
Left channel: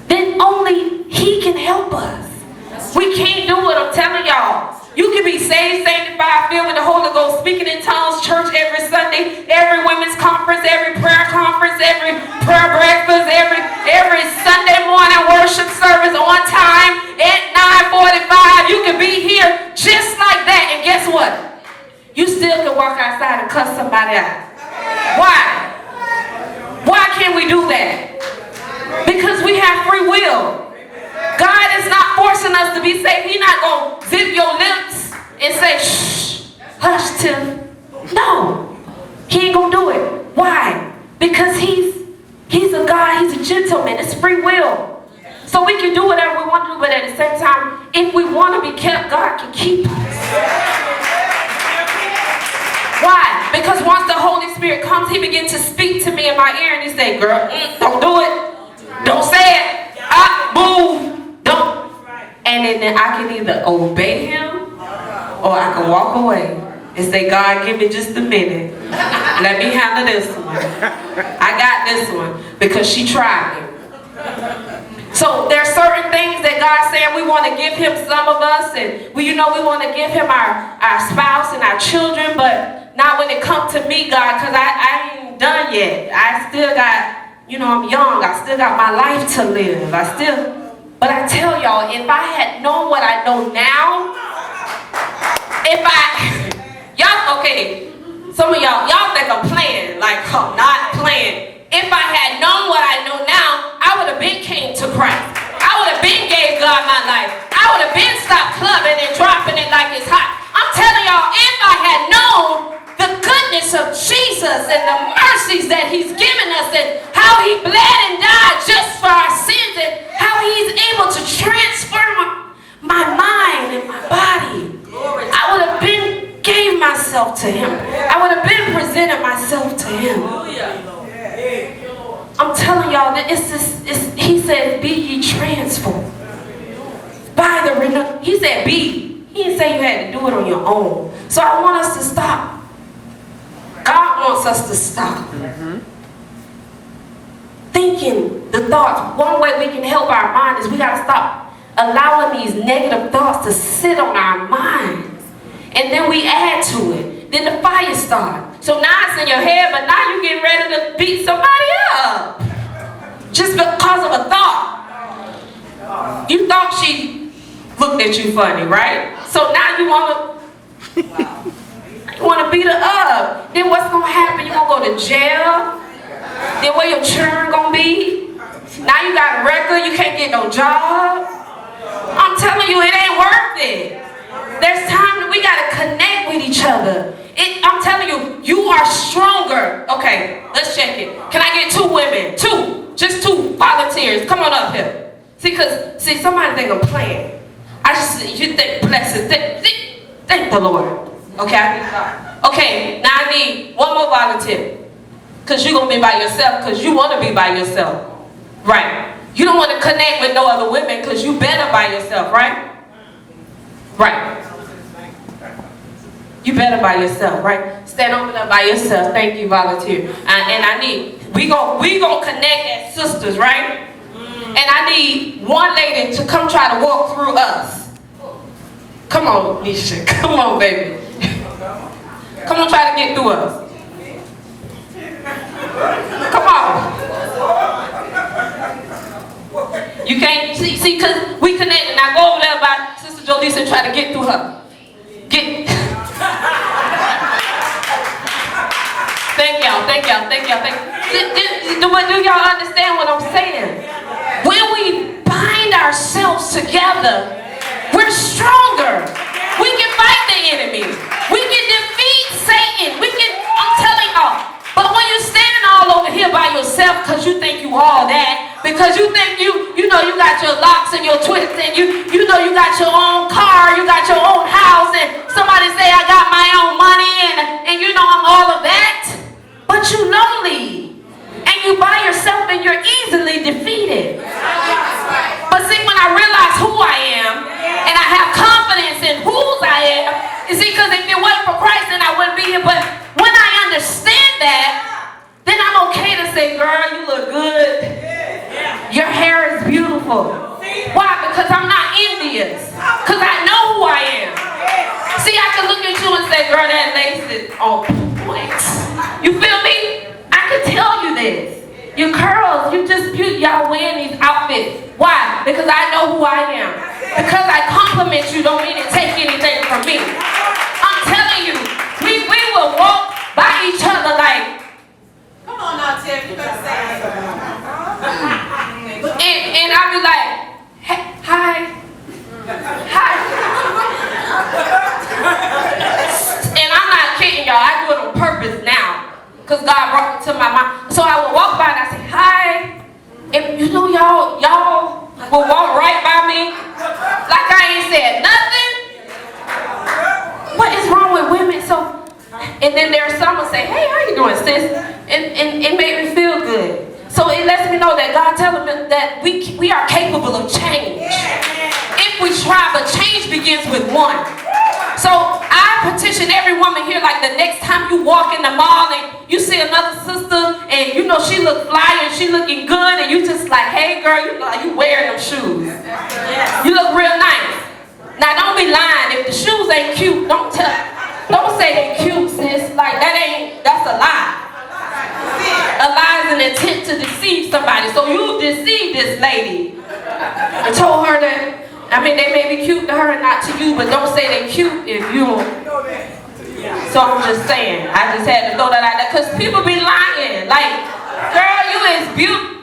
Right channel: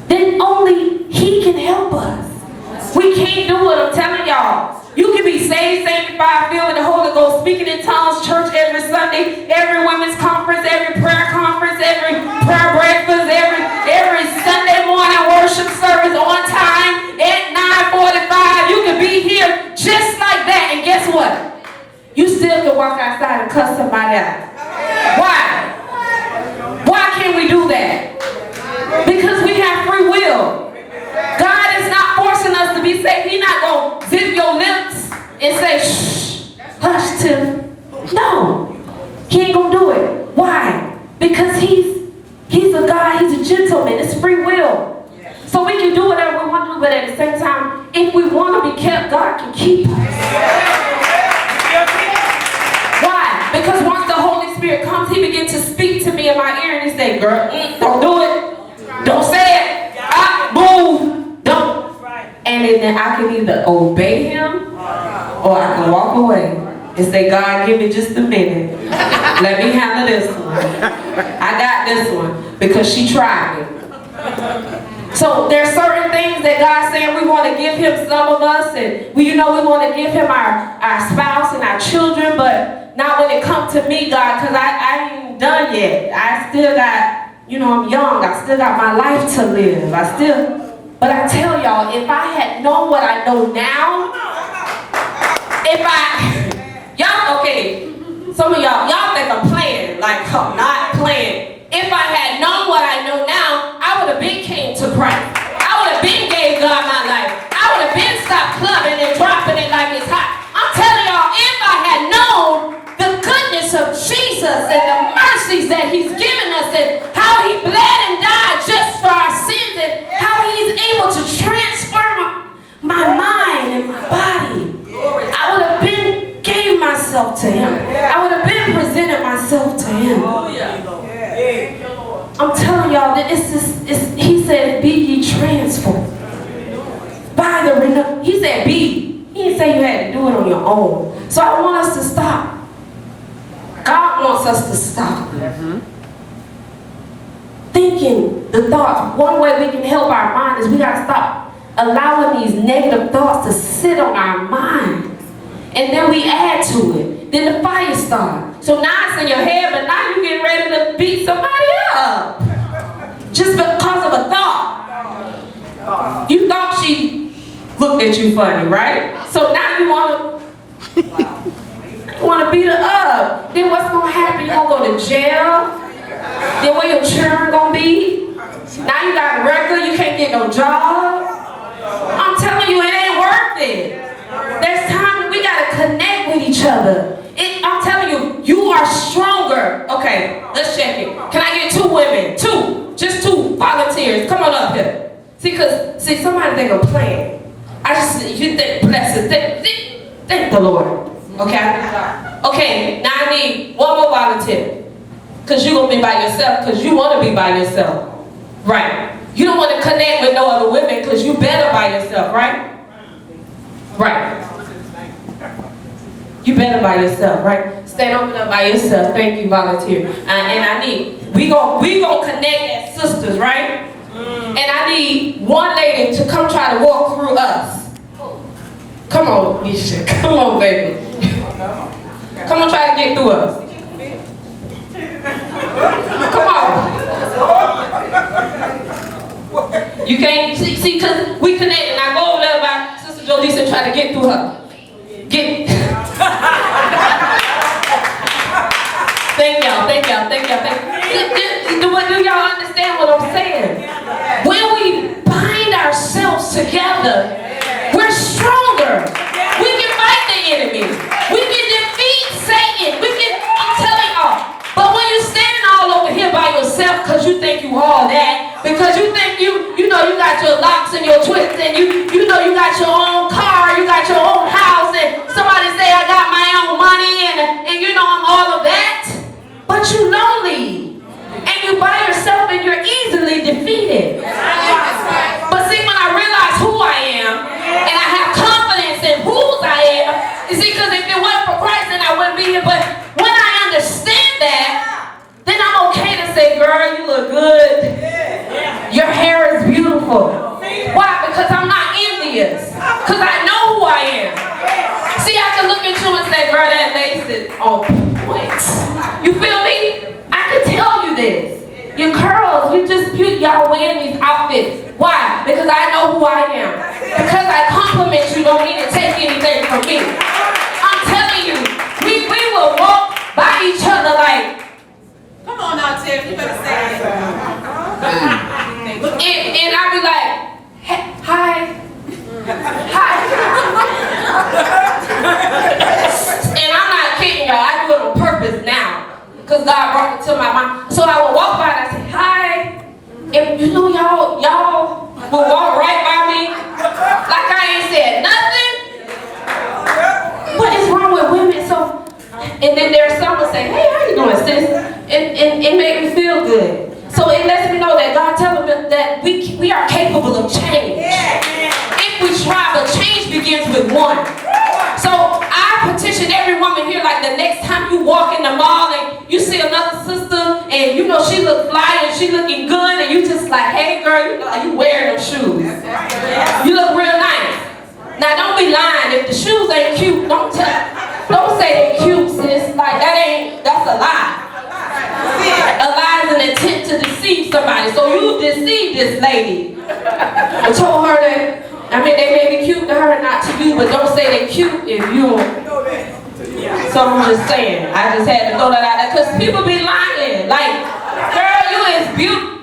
Then only He can help us. We can't do it, I'm telling y'all. You can be saved, sanctified, filled with the Holy Ghost, speaking in tongues, church every Sunday, every women's conference, every prayer conference, every prayer breakfast, every Sunday morning worship service on time at 9:45. You can be here just like that, and guess what? You still can walk outside and cuss somebody out. Why? Why can't we do that? Because we have free will. God is not forcing us to be saved. He's not going to zip your lips and say, shh, hush, Tim. No, He ain't going to do it. Why? Because He's a God, He's a gentleman. It's free will. So we can do whatever we want to do, but at the same time, if we want to be kept, God can keep us. Why? Because once the Holy Spirit comes, He begins to speak to me in my ear and He say, girl, don't do it. Don't say it. Move. Don't. And then I can either obey him or I can walk away and say, God, give me just a minute. Let me handle this one. I got this one because she tried it. So there's certain things that God's saying we want to give him, some of us, and we want to give him our spouse and our children, but not when it comes to me, God, because I ain't done yet. I still got, I'm young. I still got my life to live. But I tell y'all, if I had known what I know now, okay, some of y'all think I'm playing, like I'm not playing. If I had known what I know now, I would have been came to Christ. I would have been gave God my life. I would have been stopped clubbing and dropping it like it's hot. I'm telling y'all, if I had known the goodness of Jesus and the mercies that he's given us and how he bled and died just for our sins and how he's able to transform my mind and my body, I would have been gave myself to him. I would have been presented myself to him. I'm telling y'all that he said, be ye transformed by the renewal. He said be. He didn't say you had to do it on your own. So I want us to stop. God wants us to stop thinking the thoughts. One way we can help our mind is we got to stop allowing these negative thoughts to sit on our minds. And then we add to it. Then the fire starts. So now it's in your head, but now you're getting ready to beat somebody up. Just because of a thought. You thought she looked at you funny, right? So now you want to beat her up. Then what's going to happen? You're going to go to jail. Then where your children going to be? Now you got a record. You can't get no job. I'm telling you, it ain't worth it. There's times that we got to connect with each other. I'm telling you, you are stronger. Okay, let's check it. Can I get 2 women? 2. Just 2 volunteers. Come on up here. See, somebody think I'm playing. You think, bless it. Thank the Lord. Okay? Okay, now I need 1 more volunteer. Because you're going to be by yourself, because you want to be by yourself. Right. You don't want to connect with no other women, because you better by yourself, right? Right. You better by yourself, right? Stand over there by yourself. Thank you, volunteer. We gonna connect as sisters, right? And I need one lady to come try to walk through us. Come on, Nisha. Come on, baby. Come on, try to get through us. Come on. You can't see, because we connect. Now go over there by Sister Jolisa and try to get through her. Thank y'all. Do y'all understand what I'm saying? When we bind ourselves together, we're stronger. We can fight the enemy. We can defeat Satan. I'm telling y'all. But when you're standing all over here by yourself because you think you all that, because you think you got your locks and your twists and you got your own car, you got your own house, and somebody say I got my own money and I'm all of that, but you lonely and you by yourself and you're easily defeated. But see, when I realize who I am and I have confidence in whose I am, you see, because if it wasn't for Christ then I wouldn't be here, but when I understand that, then I'm okay to say, girl, you look good. Your hair is beautiful. Why? Because I'm not envious. Because I know who I am. See, I can look at you and say, girl, that lace is on point. You feel me? I can tell you this. Your curls, y'all wearing these outfits. Why? Because I know who I am. Because I compliment you don't mean to take anything from me. I'm telling you, we will walk by each other like, come on now, Tiff, you better say it. And I'll be like, hey, hi. And I'm not kidding y'all, I do it on purpose now. Because God brought it to my mind. So I will walk by and I say, hi. And y'all will walk right by me like I ain't said nothing. What is wrong with women? So, and then there's someone say, hey, how you doing, sis? And it made me feel good. So it lets me know that God tells me that we are capable begins with one. So I petition every woman here, like the next time you walk in the mall and you see another sister and you know she look fly and she looking good and you just like, hey girl, you know you wearing them shoes. You look real nice. Now don't be lying. If the shoes ain't cute, don't say they cute, sis. Like that's a lie. A lie is an intent to deceive somebody. So you deceived this lady. I told her that, they may be cute to her and not to you, but don't say they cute if you don't. So I'm just saying, I just had to throw that out there because people be lying. Like, girl, you is beautiful.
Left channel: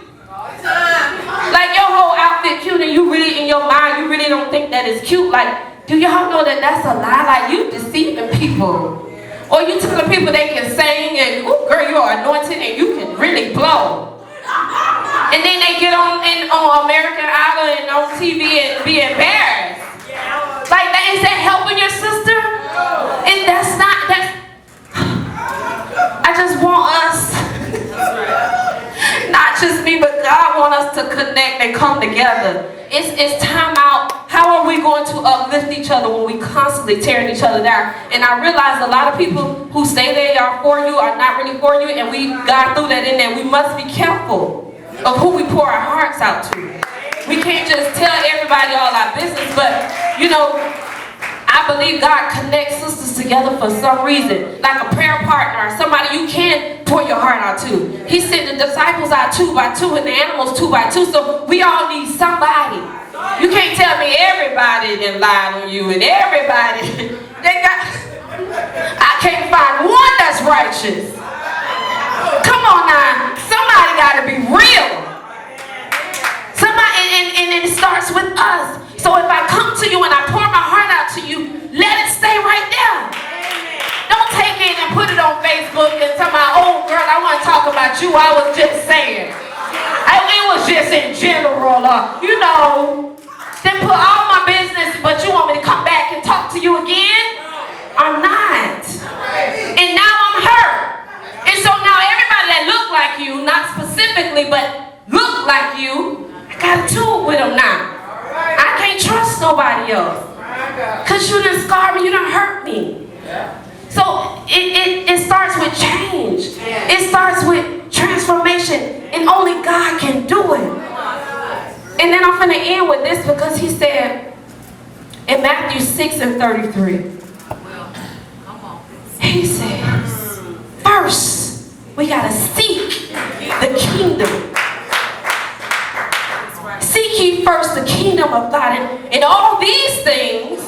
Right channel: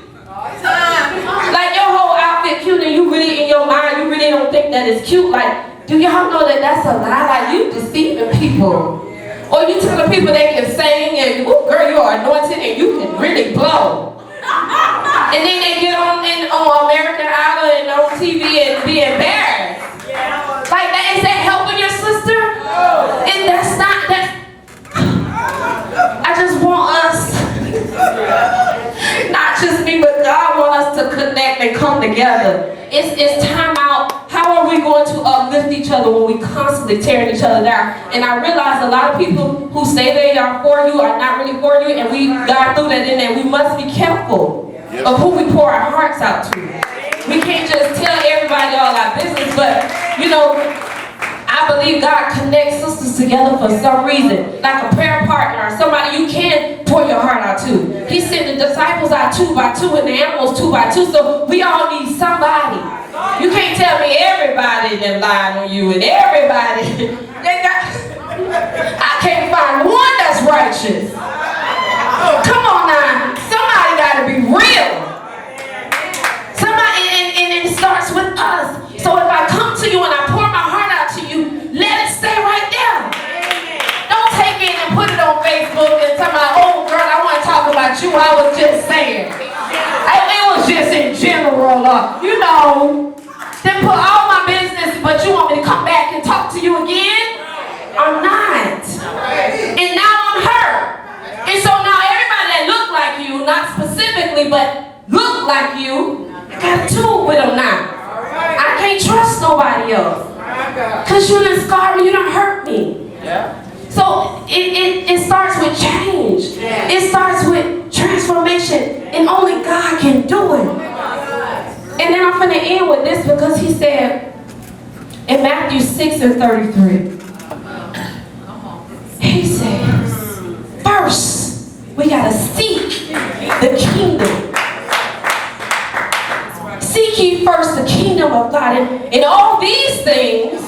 Like your whole outfit cute and you really, in your mind, you really don't think that it's cute. Like, do y'all know that that's a lie? Like, you deceiving people. Or you telling people they can sing and, oh girl, you are anointed and you can really blow. And then they get on American Idol and on TV and be embarrassed. Like, is that helping your sister? And that's not that. I just want us, not just me, but God wants us to connect and come together. It's time out. How are we going to uplift each other when we constantly tearing each other down? And I realize a lot of people who say they are for you are not really for you, and God threw that in there. We must be careful of who we pour our hearts out to. We can't just tell everybody all our business, but I believe God connects sisters together for some reason, like a prayer partner, somebody you can pour your heart out to. He sent the disciples out 2 by 2 and the animals 2 by 2, so we all need somebody. You can't tell me everybody that lied on you and everybody I can't find one that's righteous. Come on now, somebody got to be real. Somebody, and it starts with us. So if I come to you and I pour my heart out to you, let it stay right there. Don't take it and put it on Facebook and tell my old girl, I want to talk about you. I was just saying. It was just in general, then put all my business, but you want me to come back and talk to you again? I'm not. And now I'm hurt. And so now everybody that look like you, not specifically, but look like you, I got to do with them now. I can't trust nobody else. Because you done scarred me, you done hurt me. So it starts with change. It starts with transformation. And only God can do it. And then I'm going to end with this because he said in Matthew 6 and 33, he says, first, we got to seek the kingdom. Seek ye first the kingdom of God. And all these things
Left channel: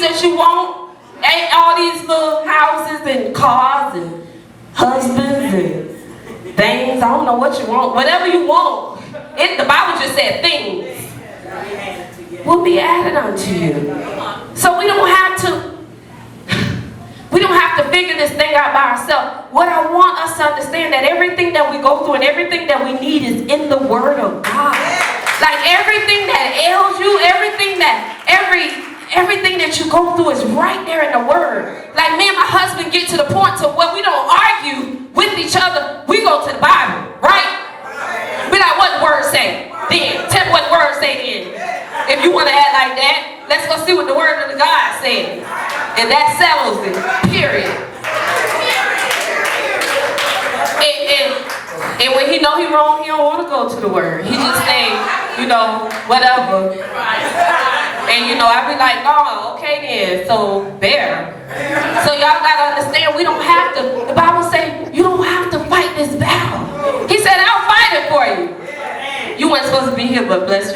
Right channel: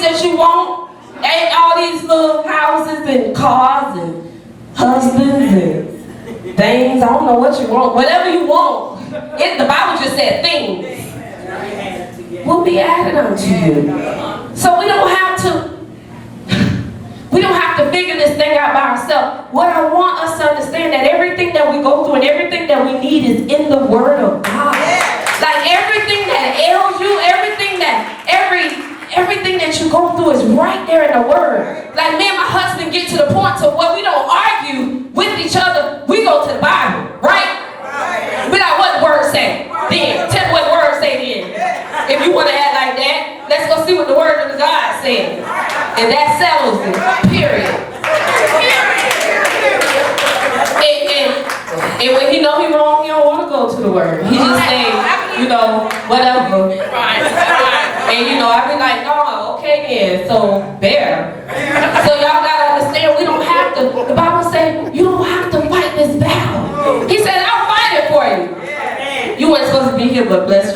that you want, and all these little houses and cars and husbands and things, I don't know what you want, whatever you want. The Bible just said things will be added unto you. So we don't have to figure this thing out by ourselves. What I want us to understand that everything that we go through and everything that we need is in the Word of God. Like everything that ails you, everything that you go through is right there in the Word. Like me and my husband get to the point to where we don't argue with each other. We go to the Bible, right? We like, what the Word say? Then tell me what the Word say then. If you want to act like that, let's go see what the Word of God says. And that settles it. Period. And when he know he wrong, he don't want to go to the Word. He just say, whatever. And I be like, oh, okay then, so there. So y'all gotta understand, we don't have to, the Bible says, you don't have to fight this battle. He said, I'll fight it for you. You weren't supposed to be here, but bless you.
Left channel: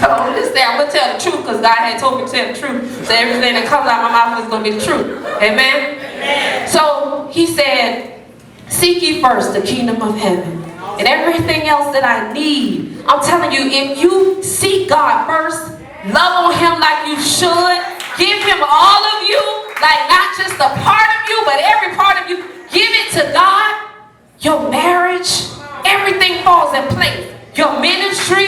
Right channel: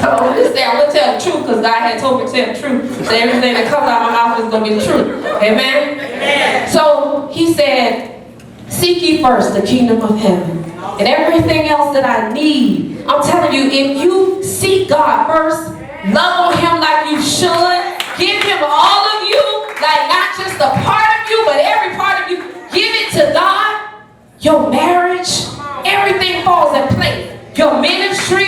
So I'm going to tell the truth, because God had told me to tell the truth. So everything that comes out of my mouth is going to be the truth. Amen? Amen. So he said, seek ye first the kingdom of heaven. And everything else that I need, I'm telling you, if you seek God first, love on him like you should, give him all of you, like not just a part of you, but every part of you, give it to God, your marriage, everything falls in place. Your ministry,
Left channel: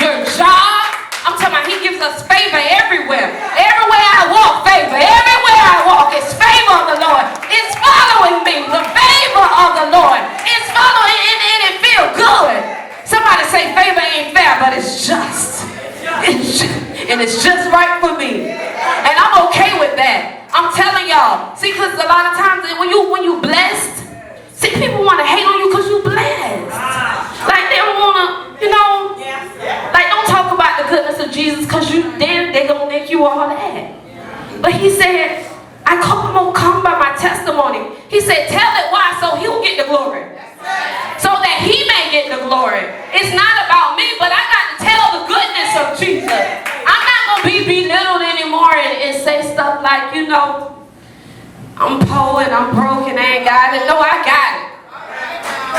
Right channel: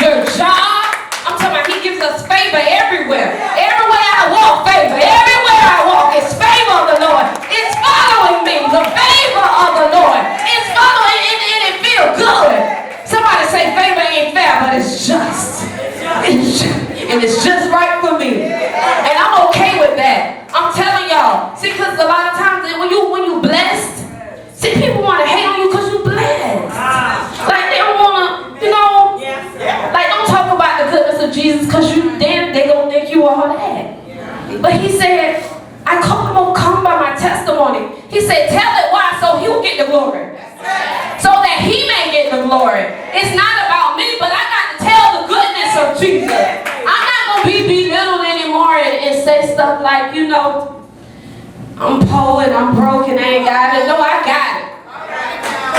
your job, I'm talking about he gives us favor everywhere. Everywhere I walk, favor. Everywhere I walk, it's favor of the Lord. It's following me, the favor of the Lord. It's following, and it feels good. Somebody say favor ain't fair, but it's just. But he said, I'm come by my testimony. He said, tell it why, so he'll get the glory. So that he may get the glory. It's not about me, but I got to tell the goodness of Jesus. I'm not going to be belittled anymore and say stuff like, you know, I'm poor and I'm broke and I ain't got it. No, I got it.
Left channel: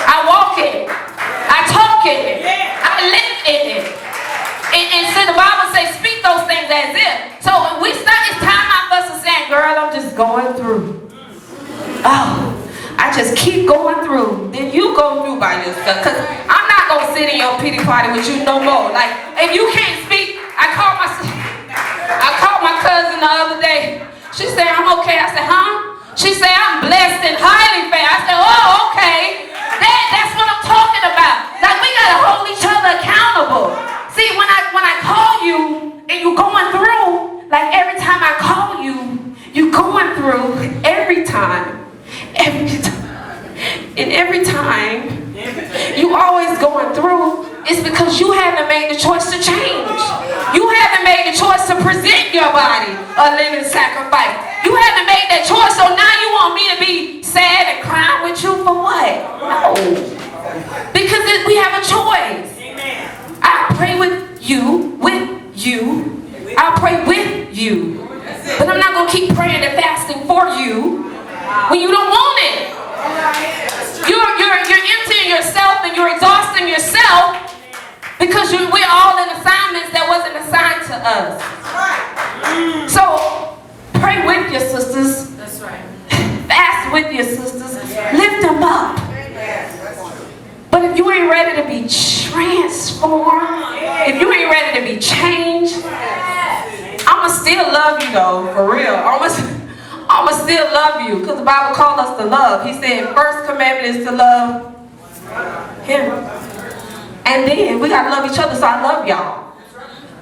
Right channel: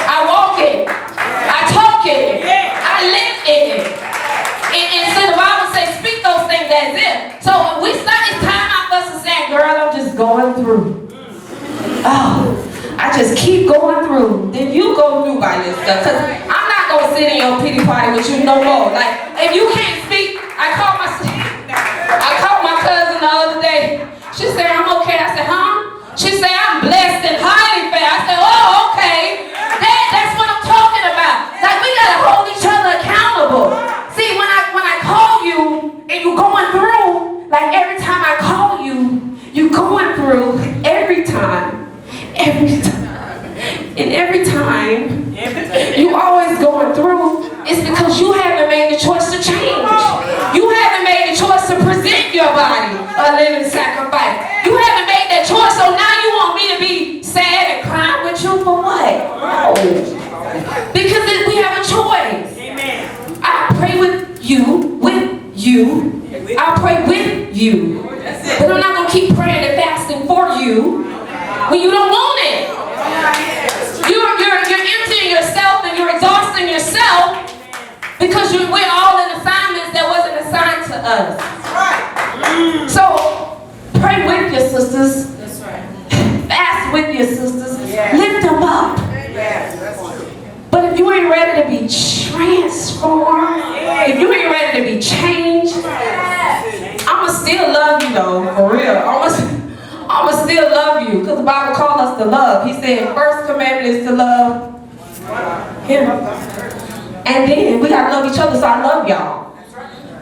I walk it. I talk it. I live in it. And so the Bible says, speak those things as if. So when we start, it's time out for us to say, girl, I'm just going through. Oh, I just keep going through. Then you go through by yourself. Because I'm not going to sit in your pity party with you no more. Like, if you can't speak, I called my cousin the other day. She said, I'm okay. I said, huh? She said, I'm blessed and highly favored. I said, oh, okay. That's what I'm talking about. Like, we got to hold each other accountable. See, when I call you and you're going through, like every time I call you, you're going through every time. And every time you always going through, it's because you haven't made the choice to change. You haven't made the choice to present your body a living sacrifice. You haven't made that choice, so now you want me to be sad and crying with you for what? No. Because we have a choice. I pray with you. I'll pray with you. But I'm not going to keep praying and fasting for you when you don't want it. You're emptying yourself and you're exhausting yourself because we're all in assignments that wasn't assigned to us. So pray with your sisters. That's right. Fast with your sisters. Lift them up. But if you ain't ready to be transformed, if you ain't ready to be changed, I'ma still love you though, for real. I'ma still love you, because the Bible calls us to love. He said, first commandment is to love him. And then we gotta love each other, so I love y'all.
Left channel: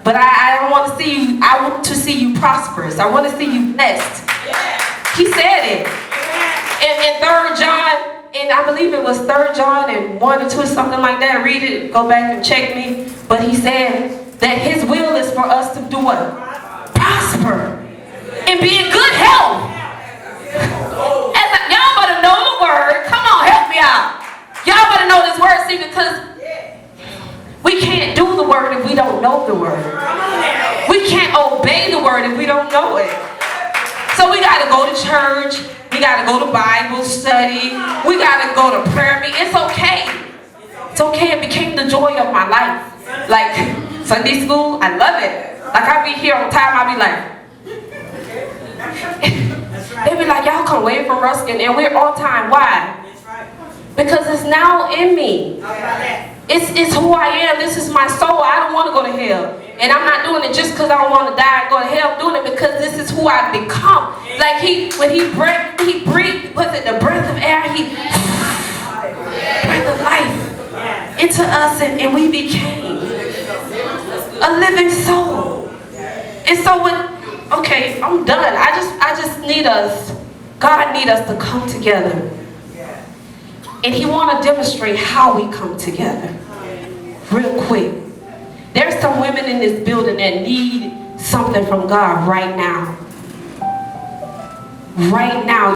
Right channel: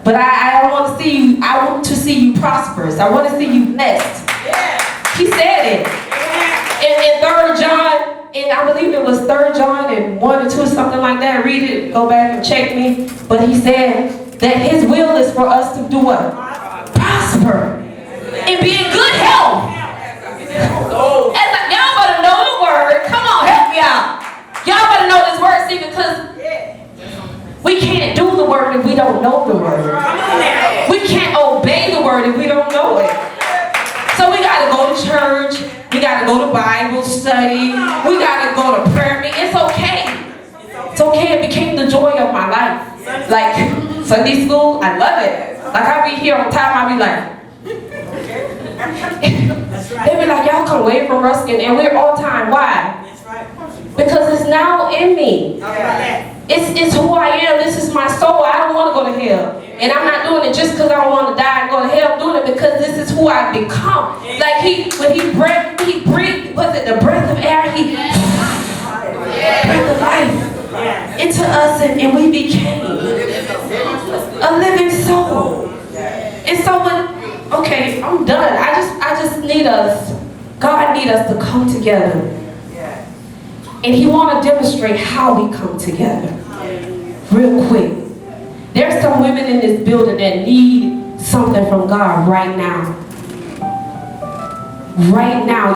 But I don't want to see you, I want to see you prosperous. I want to see you blessed. He said it. In 3 John, and I believe it was 3 John and 1 or 2 or something like that. Read it, go back and check me. But he said that his will is for us to do what? Prosper. And be in good health. Y'all better know the word. Come on, help me out. Y'all better know this word, see, because we can't do the word if we don't know the word. We can't obey the word if we don't know it. So we got to go to church. We got to go to Bible study. We got to go to prayer meeting. It's okay. It's okay. It became the joy of my life. Like Sunday school, I love it. Like I be here on time, I be like, they be like, y'all come away from Ruskin, and we're on time. Why? Because it's now in me. It's who I am. This is my soul. I don't want to go to hell. And I'm not doing it just because I don't want to die and go to hell. I'm doing it because this is who I've become. Like when he breathed, was it the breath of air? He breathed the life into us, and we became a living soul. And so okay, I'm done. I just need us, God need us to come together. And he want to demonstrate how we come together. Real quick. There's some women in this building that need something from God right now. Right now.